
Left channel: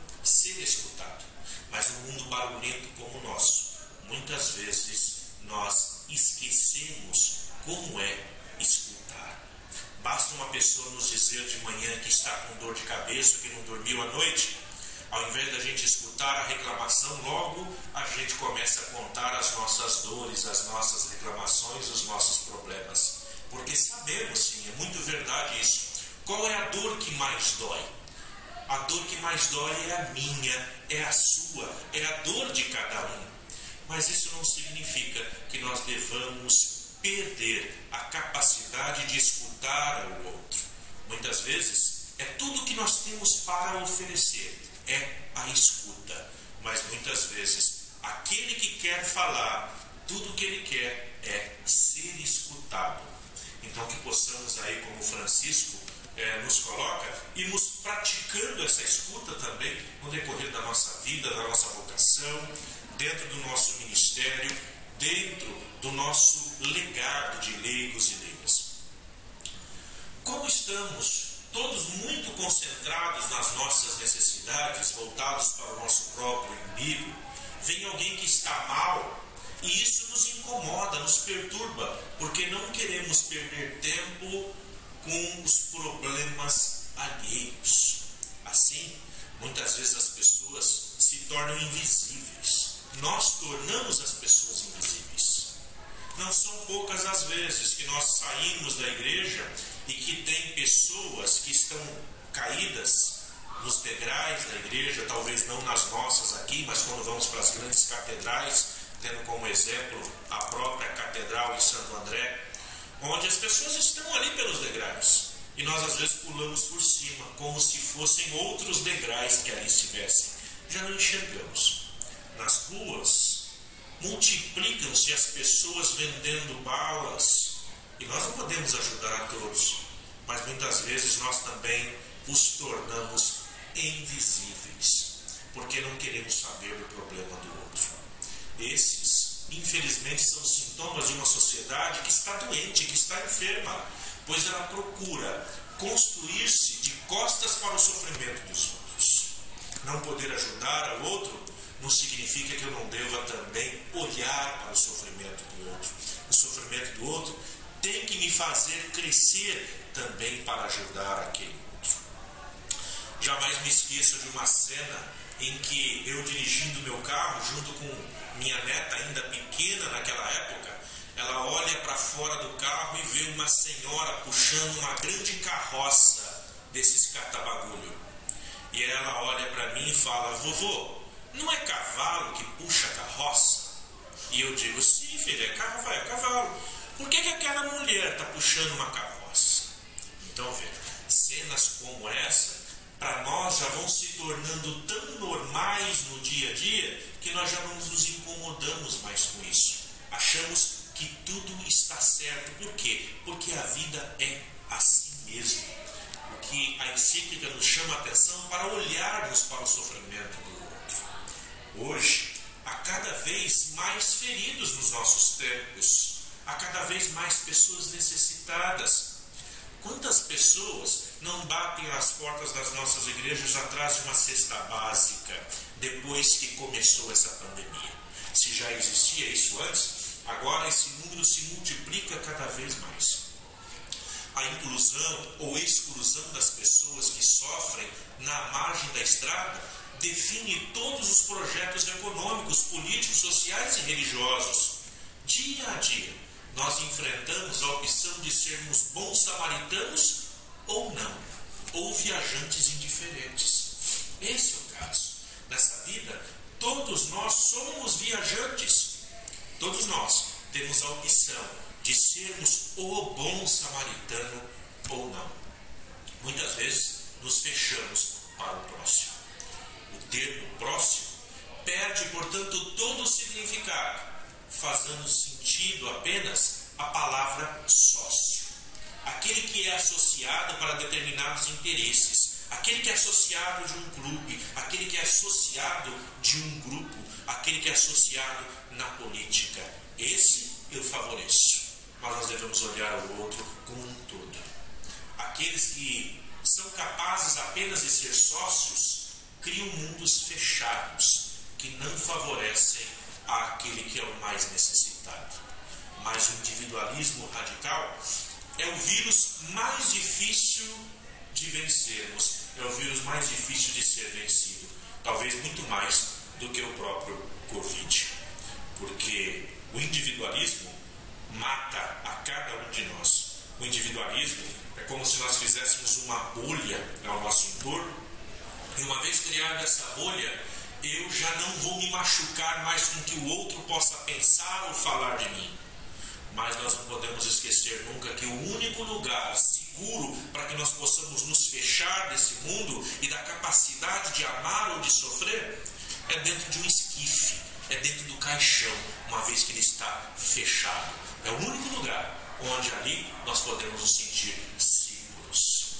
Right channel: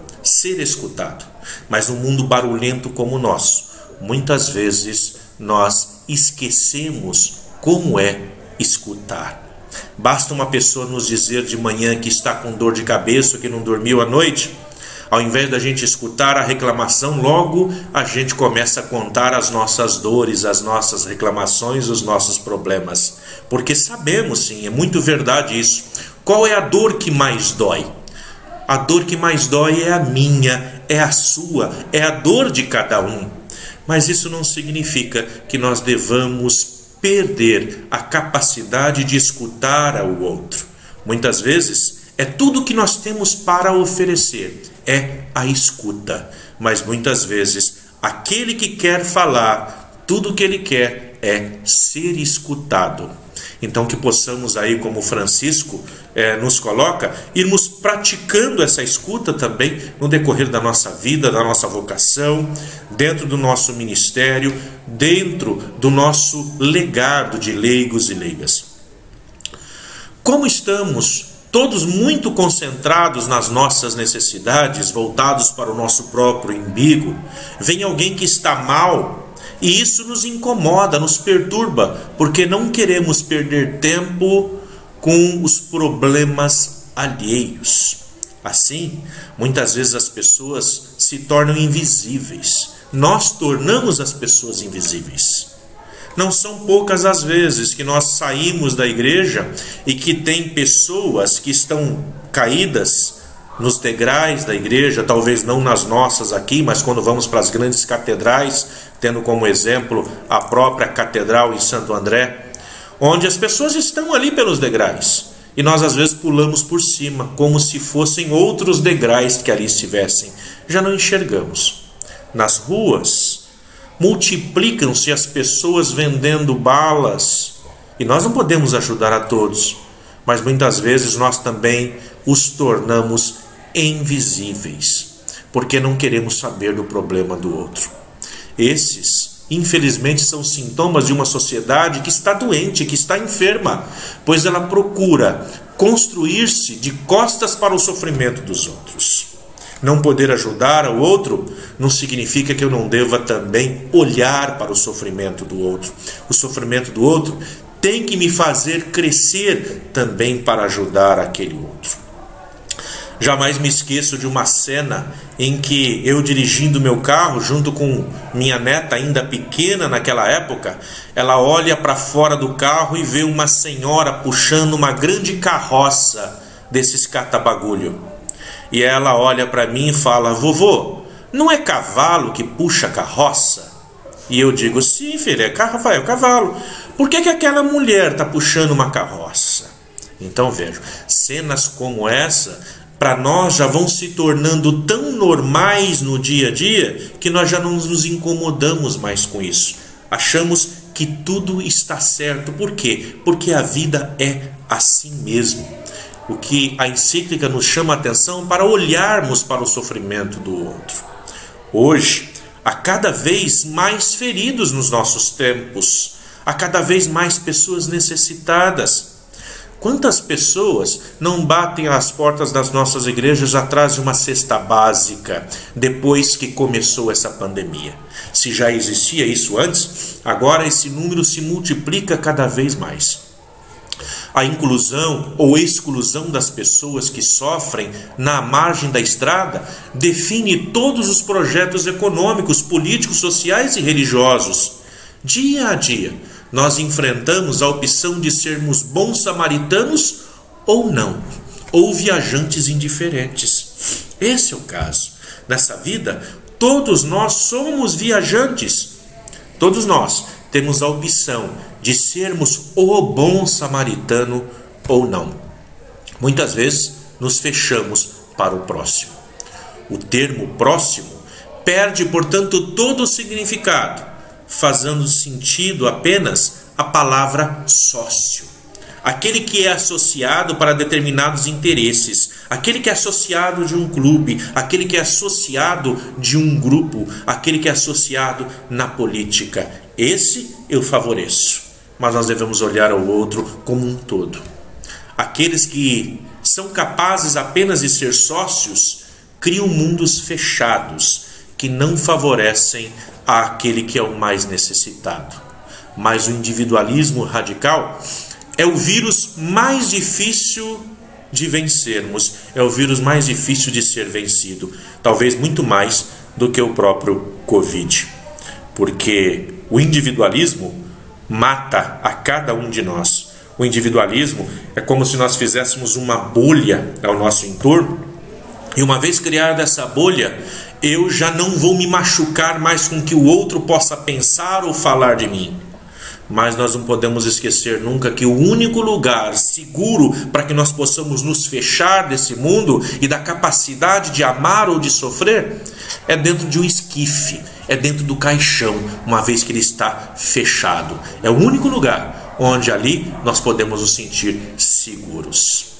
Mas num mundo barulhento como o nosso, muitas vezes nós esquecemos como é escutar. Basta uma pessoa nos dizer de manhã que está com dor de cabeça, que não dormiu à noite. Ao invés da gente escutar a reclamação, logo a gente começa a contar as nossas dores, as nossas reclamações, os nossos problemas. Porque sabemos, sim, é muito verdade isso. Qual é a dor que mais dói? A dor que mais dói é a minha, é a sua, é a dor de cada um. Mas isso não significa que nós devamos perder a capacidade de escutar ao outro. Muitas vezes é tudo que nós temos para oferecer, é a escuta. Mas muitas vezes aquele que quer falar, tudo que ele quer é ser escutado. Então que possamos aí, como Francisco, nos coloca, irmos praticando essa escuta também no decorrer da nossa vida, da nossa vocação, dentro do nosso ministério, dentro do nosso legado de leigos e leigas. Como estamos todos muito concentrados nas nossas necessidades, voltados para o nosso próprio umbigo, vem alguém que está mal, e isso nos incomoda, nos perturba, porque não queremos perder tempo com os problemas alheios. Assim, muitas vezes as pessoas se tornam invisíveis. Nós tornamos as pessoas invisíveis. Não são poucas as vezes que nós saímos da igreja e que tem pessoas que estão caídas nos degraus da igreja, talvez não nas nossas aqui, mas quando vamos para as grandes catedrais, tendo como exemplo a própria catedral em Santo André, onde as pessoas estão ali pelos degraus, e nós às vezes pulamos por cima, como se fossem outros degraus que ali estivessem. Já não enxergamos. Nas ruas, multiplicam-se as pessoas vendendo balas, e nós não podemos ajudar a todos, mas muitas vezes nós também os tornamos invisíveis, porque não queremos saber do problema do outro. Esses, infelizmente, são sintomas de uma sociedade que está doente, que está enferma, pois ela procura construir-se de costas para o sofrimento dos outros. Não poder ajudar ao outro não significa que eu não deva também olhar para o sofrimento do outro. O sofrimento do outro tem que me fazer crescer também para ajudar aquele outro. Jamais me esqueço de uma cena em que eu, dirigindo meu carro junto com minha neta ainda pequena naquela época, ela olha para fora do carro e vê uma senhora puxando uma grande carroça desses catabagulho. E ela olha para mim e fala: vovô, não é cavalo que puxa carroça? E eu digo: sim, filha, é cavalo. Por que aquela mulher está puxando uma carroça? Então vejo, cenas como essa para nós já vão se tornando tão normais no dia a dia que nós já não nos incomodamos mais com isso. Achamos que tudo está certo. Por quê? Porque a vida é assim mesmo. O que a encíclica nos chama a atenção para olharmos para o sofrimento do outro. Hoje, há cada vez mais feridos nos nossos tempos, há cada vez mais pessoas necessitadas. Quantas pessoas não batem às portas das nossas igrejas atrás de uma cesta básica depois que começou essa pandemia? Se já existia isso antes, agora esse número se multiplica cada vez mais. A inclusão ou exclusão das pessoas que sofrem na margem da estrada define todos os projetos econômicos, políticos, sociais e religiosos. Dia a dia, nós enfrentamos a opção de sermos bons samaritanos ou não, ou viajantes indiferentes. Esse é o caso. Nessa vida, todos nós somos viajantes. Todos nós temos a opção de sermos o bom samaritano ou não. Muitas vezes nos fechamos para o próximo. O termo próximo perde, portanto, todo o significado, fazendo sentido apenas a palavra sócio. Aquele que é associado para determinados interesses, aquele que é associado de um clube, aquele que é associado de um grupo, aquele que é associado na política. Esse eu favoreço, mas nós devemos olhar ao outro como um todo. Aqueles que são capazes apenas de ser sócios criam mundos fechados que não favorecem àquele que é o mais necessitado. Mas o individualismo radical é o vírus mais difícil de vencermos, é o vírus mais difícil de ser vencido, talvez muito mais do que o próprio Covid, porque o individualismo mata a cada um de nós. O individualismo é como se nós fizéssemos uma bolha ao nosso entorno, e uma vez criada essa bolha, eu já não vou me machucar mais com que o outro possa pensar ou falar de mim. Mas nós não podemos esquecer nunca que o único lugar seguro para que nós possamos nos fechar desse mundo e da capacidade de amar ou de sofrer é dentro de um esquife, é dentro do caixão, uma vez que ele está fechado. É o único lugar onde ali nós podemos nos sentir seguros.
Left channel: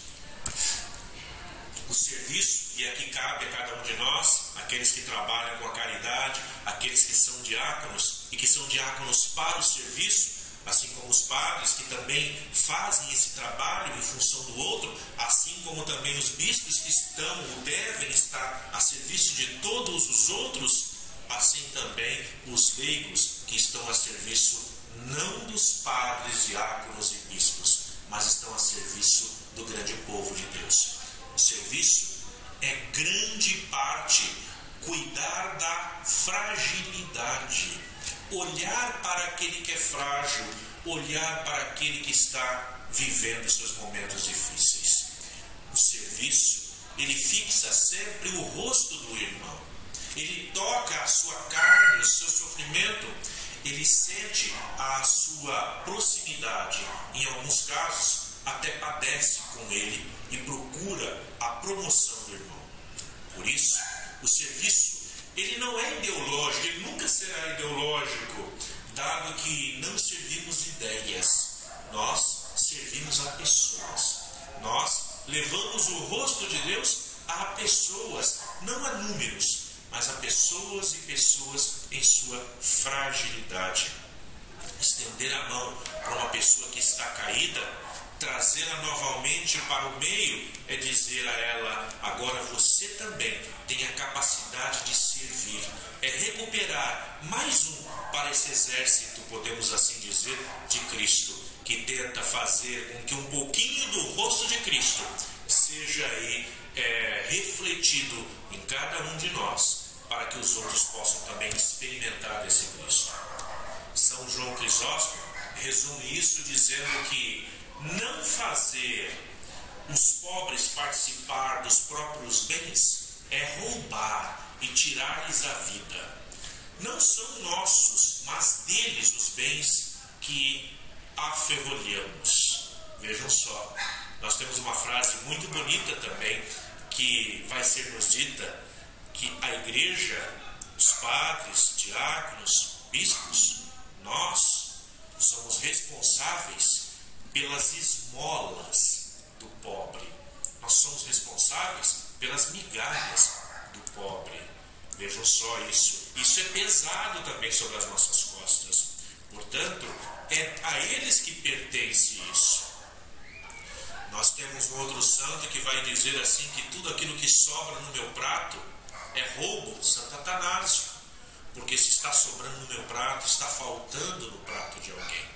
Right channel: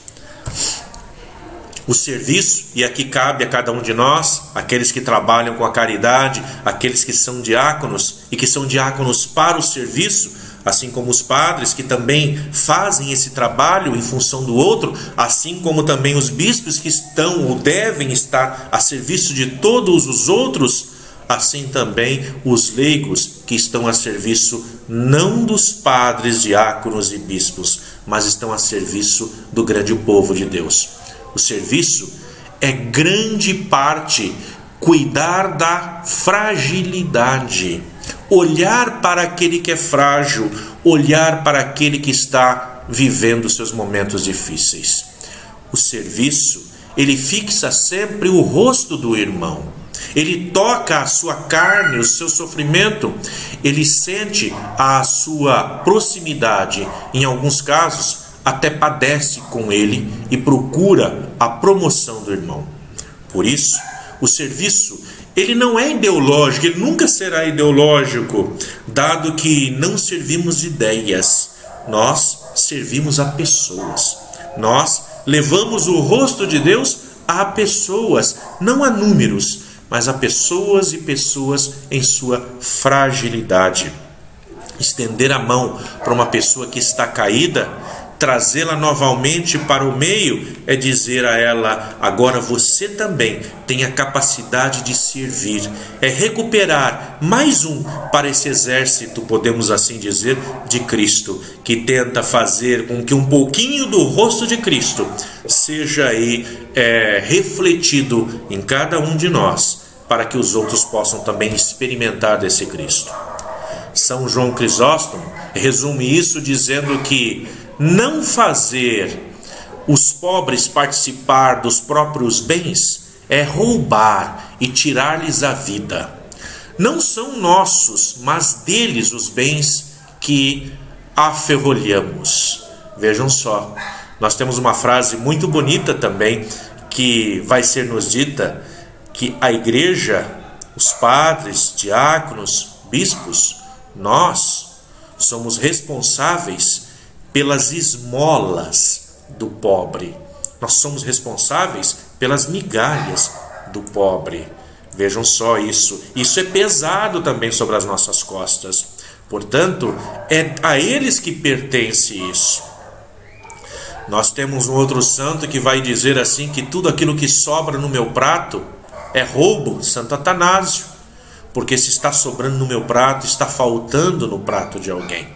O serviço, e aqui cabe a cada um de nós, aqueles que trabalham com a caridade, aqueles que são diáconos e que são diáconos para o serviço, assim como os padres que também fazem esse trabalho em função do outro, assim como também os bispos que estão ou devem estar a serviço de todos os outros, assim também os leigos que estão a serviço não dos padres, diáconos e bispos, mas estão a serviço do grande povo de Deus. O serviço é grande parte cuidar da fragilidade, olhar para aquele que é frágil, olhar para aquele que está vivendo seus momentos difíceis. O serviço, ele fixa sempre o rosto do irmão, ele toca a sua carne, o seu sofrimento, ele sente a sua proximidade, em alguns casos até padece com ele e procura a promoção do irmão. Por isso, o serviço, ele não é ideológico, ele nunca será ideológico, dado que não servimos ideias, nós servimos a pessoas. Nós levamos o rosto de Deus a pessoas, não a números, mas a pessoas e pessoas em sua fragilidade. Estender a mão para uma pessoa que está caída, trazê-la novamente para o meio, é dizer a ela: agora você também tem a capacidade de servir. É recuperar mais um para esse exército, podemos assim dizer, de Cristo, que tenta fazer com que um pouquinho do rosto de Cristo seja aí refletido em cada um de nós, para que os outros possam também experimentar desse Cristo. São João Crisóstomo resume isso dizendo que não fazer os pobres participar dos próprios bens é roubar e tirar-lhes a vida. Não são nossos, mas deles os bens que aferrolhamos. Vejam só, nós temos uma frase muito bonita também, que vai ser nos dita, que a igreja, os padres, diáconos, bispos, nós somos responsáveis pelas esmolas do pobre. Nós somos responsáveis pelas migalhas do pobre. Vejam só isso. Isso é pesado também sobre as nossas costas. Portanto, é a eles que pertence isso. Nós temos um outro santo que vai dizer assim, que tudo aquilo que sobra no meu prato é roubo, Santo Atanásio. Porque se está sobrando no meu prato, está faltando no prato de alguém.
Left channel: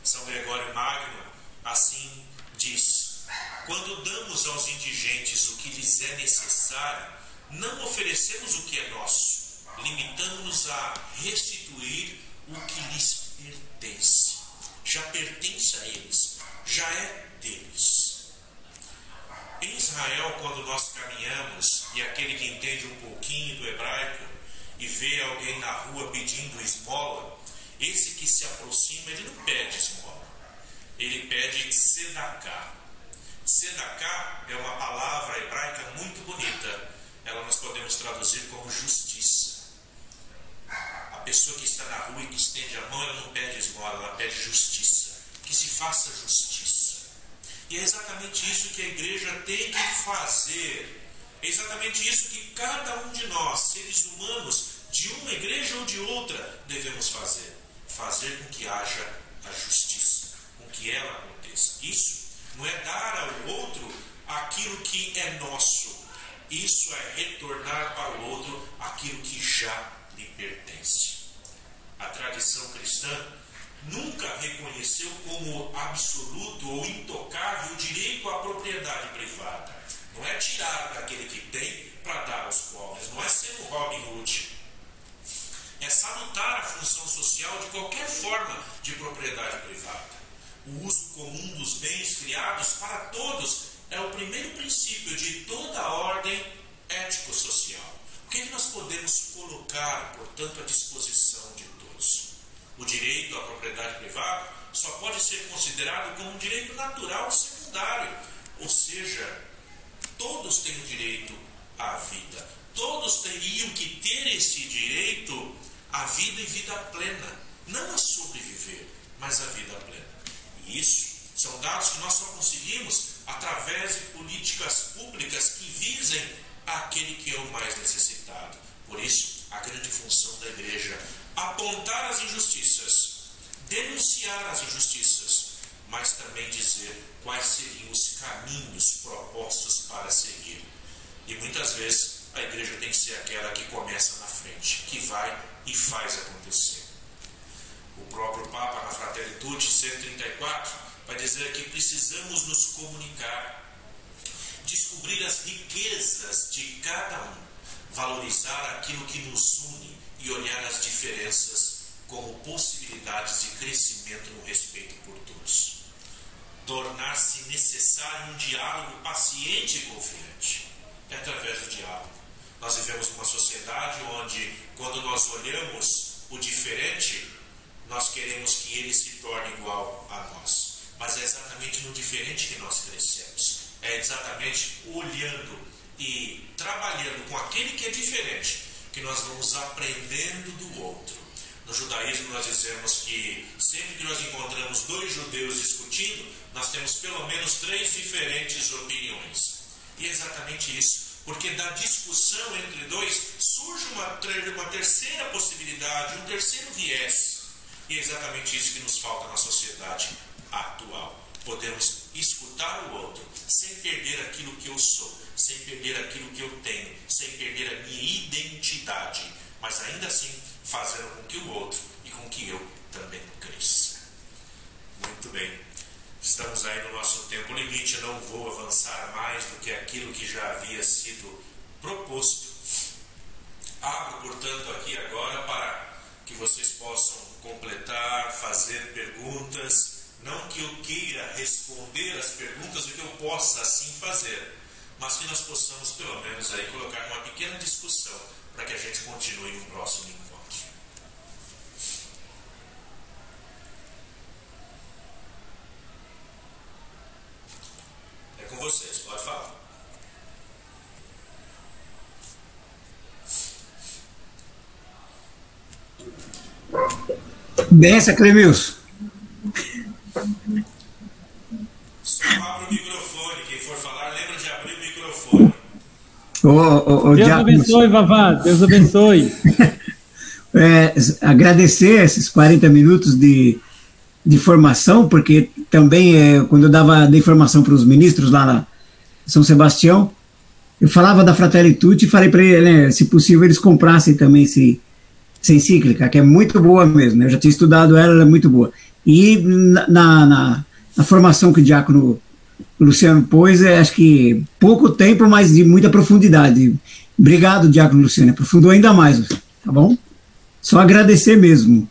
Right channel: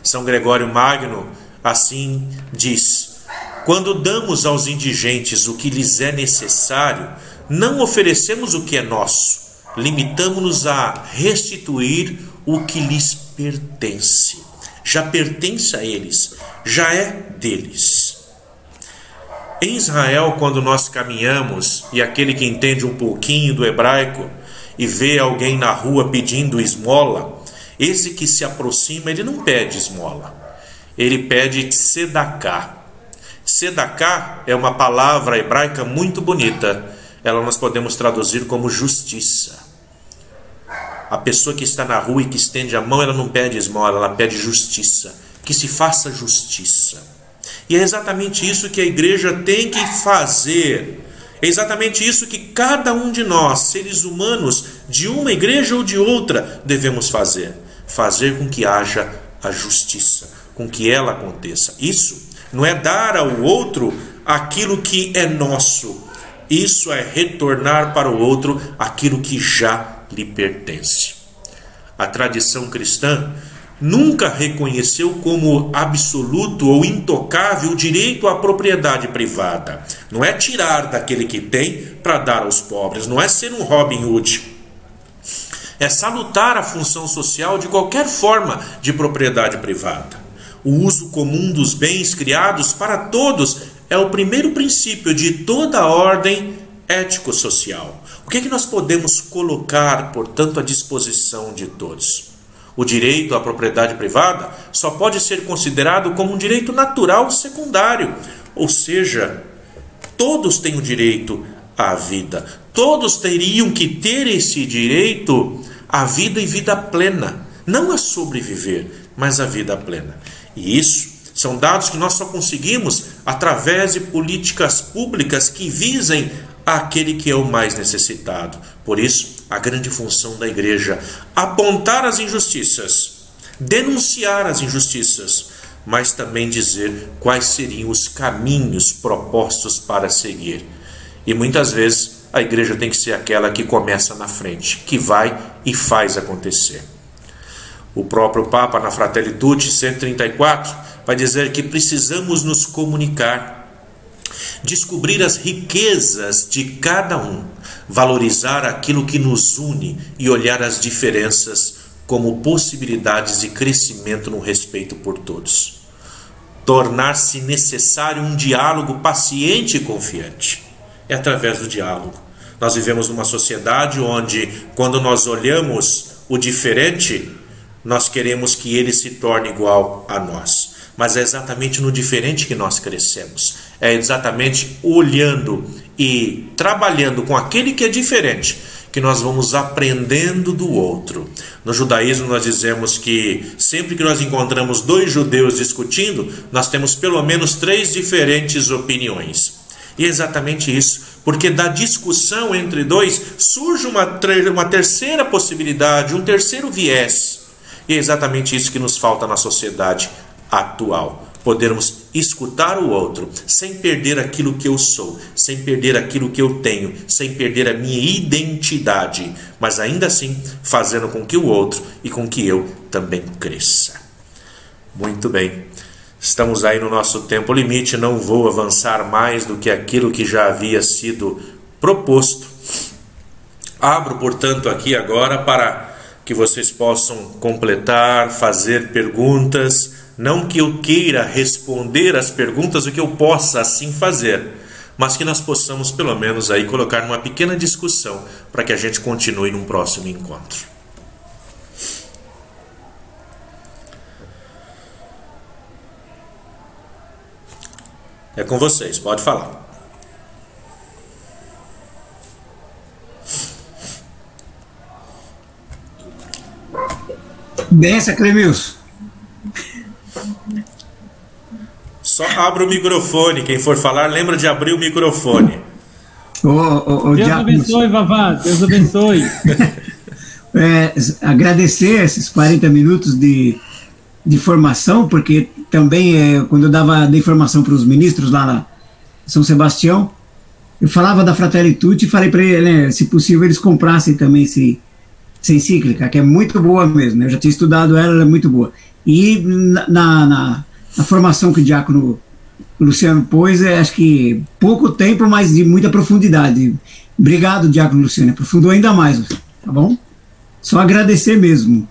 São Gregório Magno assim diz: quando damos aos indigentes o que lhes é necessário, não oferecemos o que é nosso, limitamo-nos a restituir o que lhes pertence. Já pertence a eles, já é deles. Em Israel, quando nós caminhamos, e aquele que entende um pouquinho do hebraico e vê alguém na rua pedindo esmola, esse que se aproxima, ele não pede esmola, ele pede tzedaká. Tzedaká é uma palavra hebraica muito bonita. Ela nós podemos traduzir como justiça. A pessoa que está na rua e que estende a mão, ela não pede esmola, ela pede justiça. Que se faça justiça. E é exatamente isso que a igreja tem que fazer. É exatamente isso que cada um de nós, seres humanos, de uma igreja ou de outra, devemos fazer. Fazer com que haja a justiça, com que ela aconteça. Isso não é dar ao outro aquilo que é nosso. Isso é retornar para o outro aquilo que já lhe pertence. A tradição cristã nunca reconheceu como absoluto ou intocável o direito à propriedade privada. Não é tirar daquele que tem para dar aos pobres, não é ser um Robin Hood. É salutar a função social de qualquer forma de propriedade privada. O uso comum dos bens criados para todos é o primeiro princípio de toda a ordem ético-social. O que é que nós podemos colocar, portanto, à disposição de todos? O direito à propriedade privada só pode ser considerado como um direito natural secundário, ou seja, todos têm o direito à vida. Todos teriam que ter esse direito à vida e vida plena, não a sobreviver, mas a vida plena. E isso São dados que nós só conseguimos através de políticas públicas que visem aquele que é o mais necessitado. Por isso, a grande função da igreja: apontar as injustiças, denunciar as injustiças, mas também dizer quais seriam os caminhos propostos para seguir. E muitas vezes a igreja tem que ser aquela que começa na frente, que vai e faz acontecer. O próprio Papa, na Fratelli Tutti 134, vai dizer que precisamos nos comunicar, descobrir as riquezas de cada um, valorizar aquilo que nos une e olhar as diferenças como possibilidades de crescimento no respeito por todos. Tornar-se necessário um diálogo paciente e confiante. É através do diálogo. Nós vivemos numa sociedade onde, quando nós olhamos o diferente, nós queremos que ele se torne igual a nós. Mas é exatamente no diferente que nós crescemos. É exatamente olhando e trabalhando com aquele que é diferente que nós vamos aprendendo do outro. No judaísmo nós dizemos que sempre que nós encontramos dois judeus discutindo, nós temos pelo menos 3 diferentes opiniões. E é exatamente isso, porque da discussão entre dois surge uma terceira possibilidade, um terceiro viés. E é exatamente isso que nos falta na sociedade atual. Podermos escutar o outro, sem perder aquilo que eu sou, sem perder aquilo que eu tenho, sem perder a minha identidade, mas ainda assim fazendo com que o outro e com que eu também cresça. Muito bem, estamos aí no nosso tempo limite, não vou avançar mais do que aquilo que já havia sido proposto. Abro, portanto, aqui agora para que vocês possam completar, fazer perguntas. Não que eu queira responder as perguntas, o que eu possa assim fazer, mas que nós possamos pelo menos aí colocar numa pequena discussão para que a gente continue num próximo encontro. É com vocês, pode falar. Benção, Clemilson. Só abra o microfone. Quem for falar, lembra de abrir o microfone. Deus abençoe, Vavá. Deus abençoe. Agradecer esses 40 minutos de formação, porque também quando eu dava informação para os ministros lá na São Sebastião, eu falava da Fratelli Tutti e falei para ele, se possível, eles comprassem também essa encíclica, que é muito boa mesmo, né? Eu já tinha estudado ela é muito boa. E na formação que o diácono Luciano pôs, acho que pouco tempo, mas de muita profundidade. Obrigado, diácono Luciano, aprofundou ainda mais, tá bom? Só agradecer mesmo.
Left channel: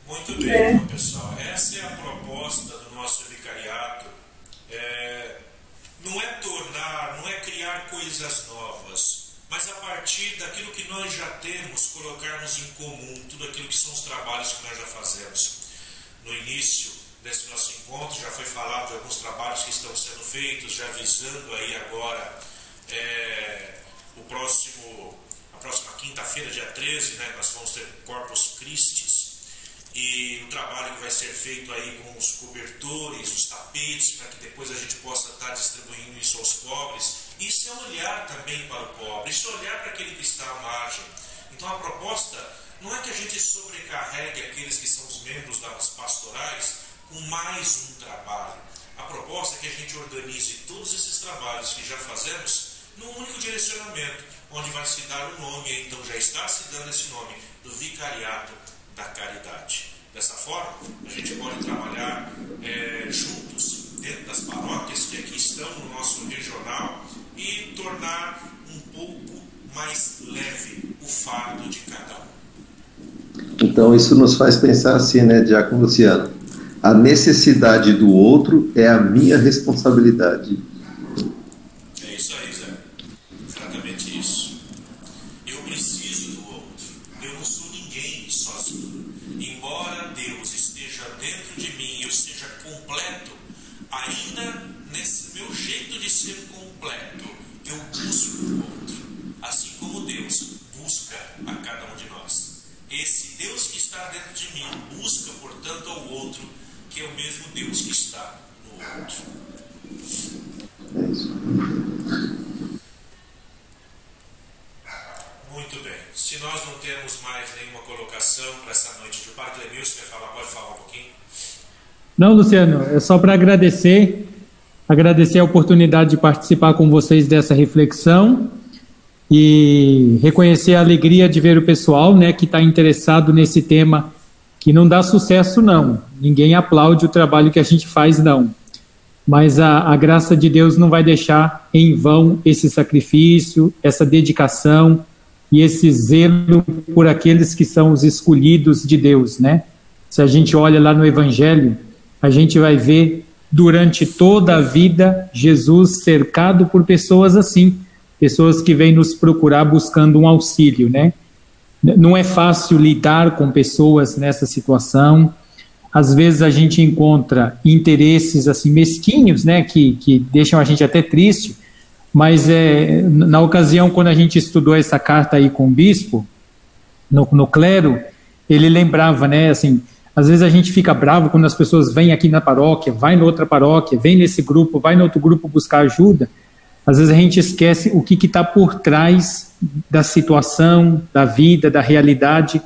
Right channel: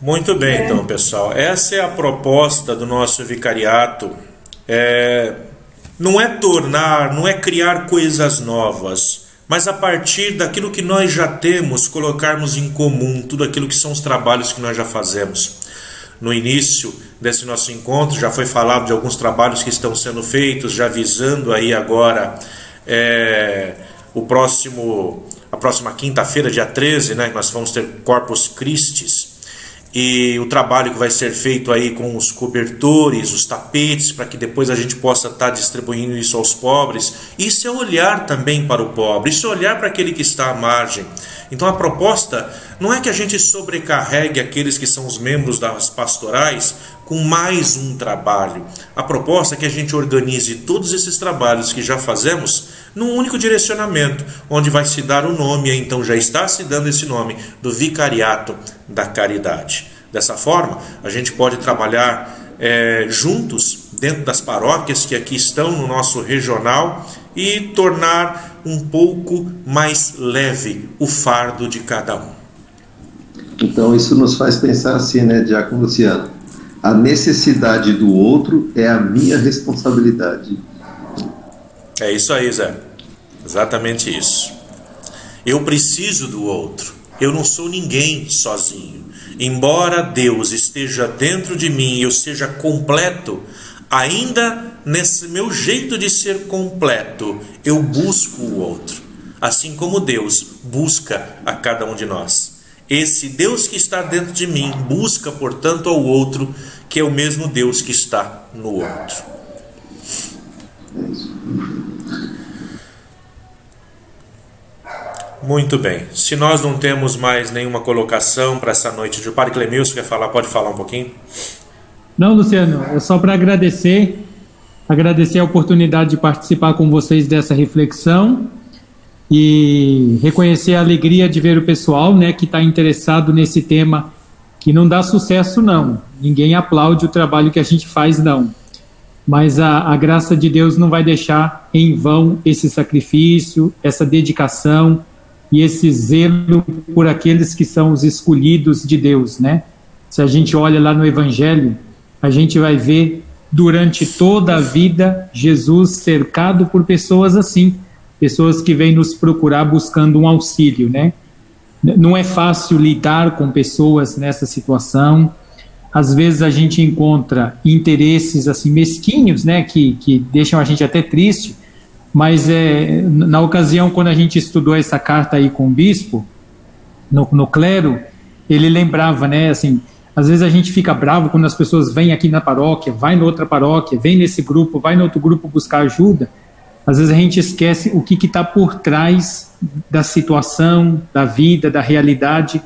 Muito bem, então, pessoal. Essa é a proposta do nosso vicariato. Não é criar coisas novas, mas a partir daquilo que nós já temos, colocarmos em comum tudo aquilo que são os trabalhos que nós já fazemos. No início desse nosso encontro já foi falado de alguns trabalhos que estão sendo feitos, já visando aí agora a próxima quinta-feira, dia 13, né, nós vamos ter Corpus Christi. E o trabalho que vai ser feito aí com os cobertores, os tapetes, para que depois a gente possa estar distribuindo isso aos pobres. Isso é olhar também para o pobre, isso é olhar para aquele que está à margem. Então a proposta não é que a gente sobrecarregue aqueles que são os membros das pastorais com mais um trabalho. A proposta é que a gente organize todos esses trabalhos que já fazemos num único direcionamento, onde vai se dar o nome, então já está se dando esse nome, do Vicariato da Caridade. Dessa forma, a gente pode trabalhar juntos dentro das paróquias que aqui estão no nosso regional e tornar um pouco mais leve o fardo de cada um. Então isso nos faz pensar assim, né, diácono Luciano? A necessidade do outro é a minha responsabilidade. É isso aí, Zé. Exatamente isso. Eu preciso do outro. Eu não sou ninguém sozinho. Embora Deus esteja dentro de mim e eu seja completo, ainda nesse meu jeito de ser completo, eu busco o outro. Assim como Deus busca a cada um de nós. Esse Deus que está dentro de mim busca, portanto, ao outro, que é o mesmo Deus que está no outro. Muito bem. Se nós não temos mais nenhuma colocação para essa noite, o Padre Clemilson quer falar? Pode falar um pouquinho? Não, Luciano, é só para agradecer a oportunidade de participar com vocês dessa reflexão e reconhecer a alegria de ver o pessoal, né, que está interessado nesse tema, que não dá sucesso, não. Ninguém aplaude o trabalho que a gente faz, não. Mas a graça de Deus não vai deixar em vão esse sacrifício, essa dedicação e esse zelo por aqueles que são os escolhidos de Deus, né? Se a gente olha lá no Evangelho, a gente vai ver durante toda a vida Jesus cercado por pessoas assim, pessoas que vêm nos procurar buscando um auxílio, né? Não é fácil lidar com pessoas nessa situação. Às vezes a gente encontra interesses assim mesquinhos, né, que deixam a gente até triste, mas na ocasião, quando a gente estudou essa carta aí com o bispo, no clero, ele lembrava, né, assim, às vezes a gente fica bravo quando as pessoas vêm aqui na paróquia, vai na outra paróquia, vem nesse grupo, vai no outro grupo buscar ajuda. Às vezes a gente esquece o que está por trás da situação, da vida, da realidade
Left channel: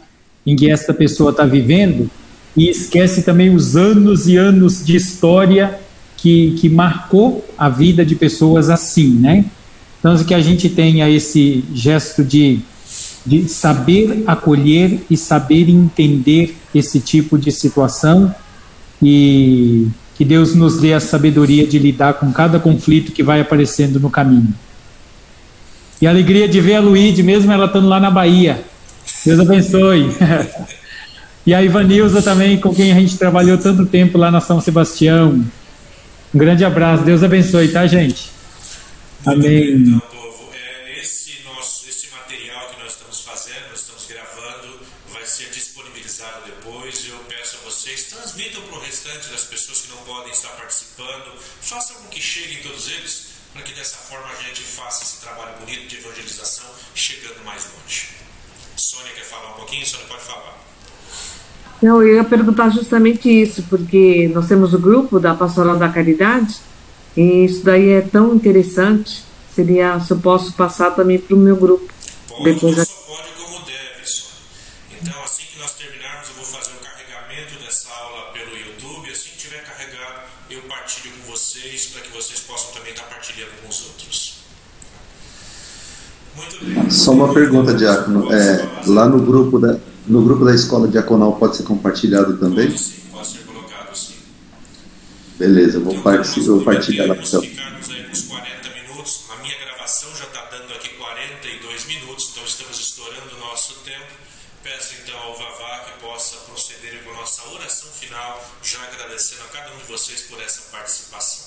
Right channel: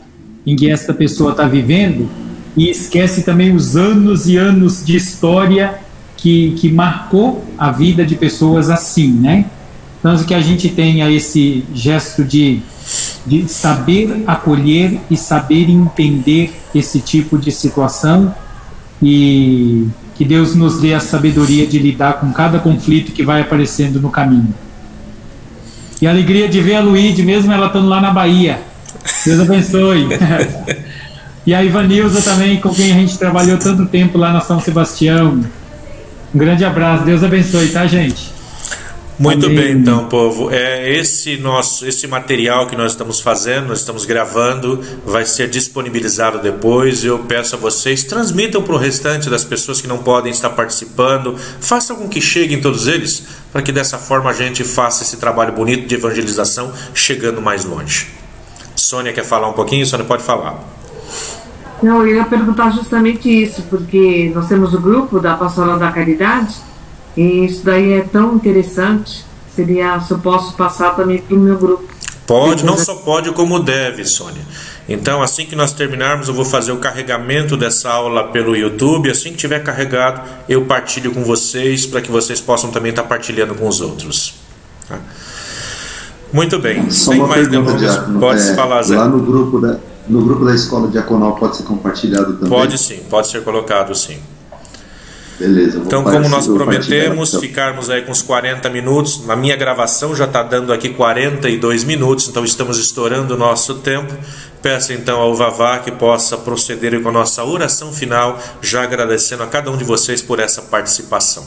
em que essa pessoa está vivendo, e esquece também os anos e anos de história que marcou a vida de pessoas assim, né? Então, que a gente tenha esse gesto de saber acolher e saber entender esse tipo de situação, e que Deus nos dê a sabedoria de lidar com cada conflito que vai aparecendo no caminho. E a alegria de ver a Luíde, mesmo ela estando lá na Bahia. Deus abençoe. E a Ivanilza também, com quem a gente trabalhou tanto tempo lá na São Sebastião. Um grande abraço, Deus abençoe, tá, gente? Muito Amém. Bem, então, povo. Esse material que nós estamos fazendo, nós estamos gravando, vai ser disponibilizado depois. Eu peço a vocês, transmitam para o restante das pessoas que não podem estar participando, façam com que cheguem todos eles, para que dessa forma a gente faça esse trabalho bonito de evangelização, chegando mais longe. Sônia quer falar um pouquinho? Sônia, pode falar. Não, eu ia perguntar justamente isso, porque nós temos o grupo da Pastoral da Caridade, e isso daí é tão interessante. Seria, se eu posso passar também para o meu grupo. Pode, não só pode como deve, Sônia. Então, assim que nós terminarmos, eu vou fazer o carregamento dessa aula pelo YouTube. Assim que tiver carregado, eu partilho com vocês, para que vocês possam também estar partilhando com os outros. Tá? Muito bem. Só uma pergunta, Diácono. Pode falar, Zé. Lá no grupo da Escola Diaconal pode ser compartilhado também? Pode sim, pode ser colocado sim. Beleza, então, como nós prometemos, ficarmos aí com uns 40 minutos. Na minha gravação já está dando aqui 42 minutos, então estamos estourando o nosso tempo. Peço então ao Vavá que possa proceder com a nossa oração final, já agradecendo a cada um de vocês por essa participação.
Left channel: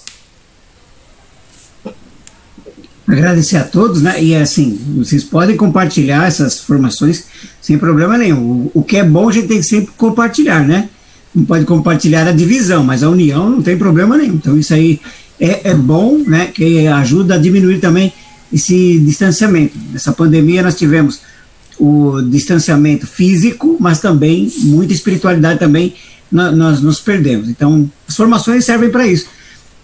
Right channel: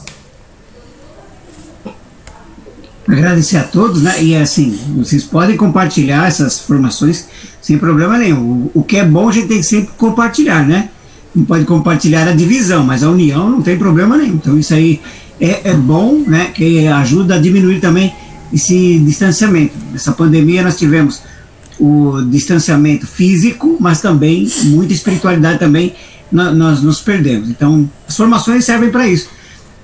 Agradecer a todos, né? E assim, vocês podem compartilhar essas informações sem problema nenhum. O que é bom a gente tem que sempre compartilhar, né? Não pode compartilhar a divisão, mas a união não tem problema nenhum. Então isso aí é bom, né? Que ajuda a diminuir também esse distanciamento. Nessa pandemia nós tivemos o distanciamento físico, mas também muita espiritualidade também nós nos perdemos. Então as formações servem para isso.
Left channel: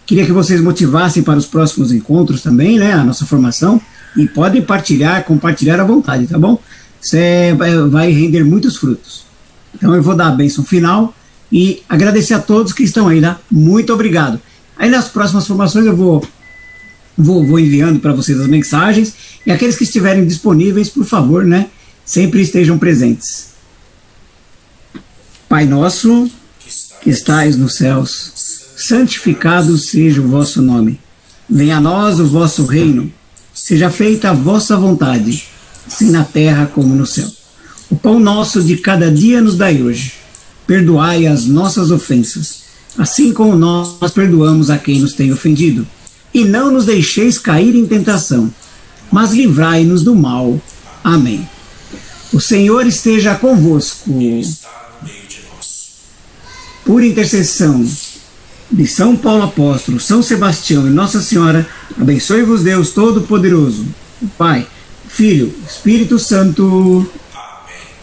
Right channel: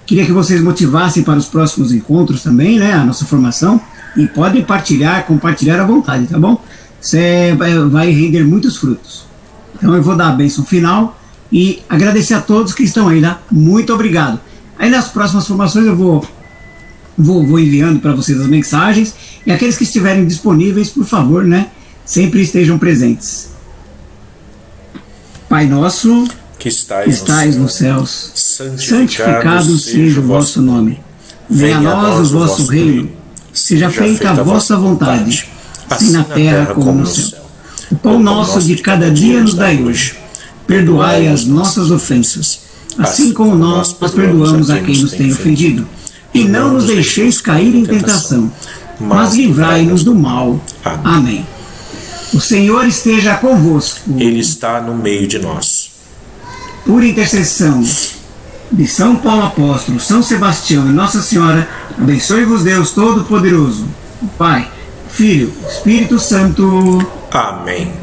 Queria que vocês motivassem para os próximos encontros também, né? A nossa formação, e podem compartilhar à vontade, tá bom? Você vai render muitos frutos. Então eu vou dar a bênção final e agradecer a todos que estão aí, né? Muito obrigado. Aí nas próximas formações eu vou enviando para vocês as mensagens, e aqueles que estiverem disponíveis, por favor, né? Sempre estejam presentes. Pai nosso, que estais nos céus, santificado seja o vosso nome. Venha a nós o vosso reino. Seja feita a vossa vontade, assim na terra como no céu. O pão nosso de cada dia nos dai hoje. Perdoai as nossas ofensas, assim como nós perdoamos a quem nos tem ofendido. E não nos deixeis cair em tentação, mas livrai-nos do mal. Amém. O Senhor esteja convosco. Ele está no meio de nós. Por intercessão de São Paulo Apóstolo, São Sebastião e Nossa Senhora, abençoe-vos Deus Todo-Poderoso, o Pai, Filho, Espírito Santo. Amém.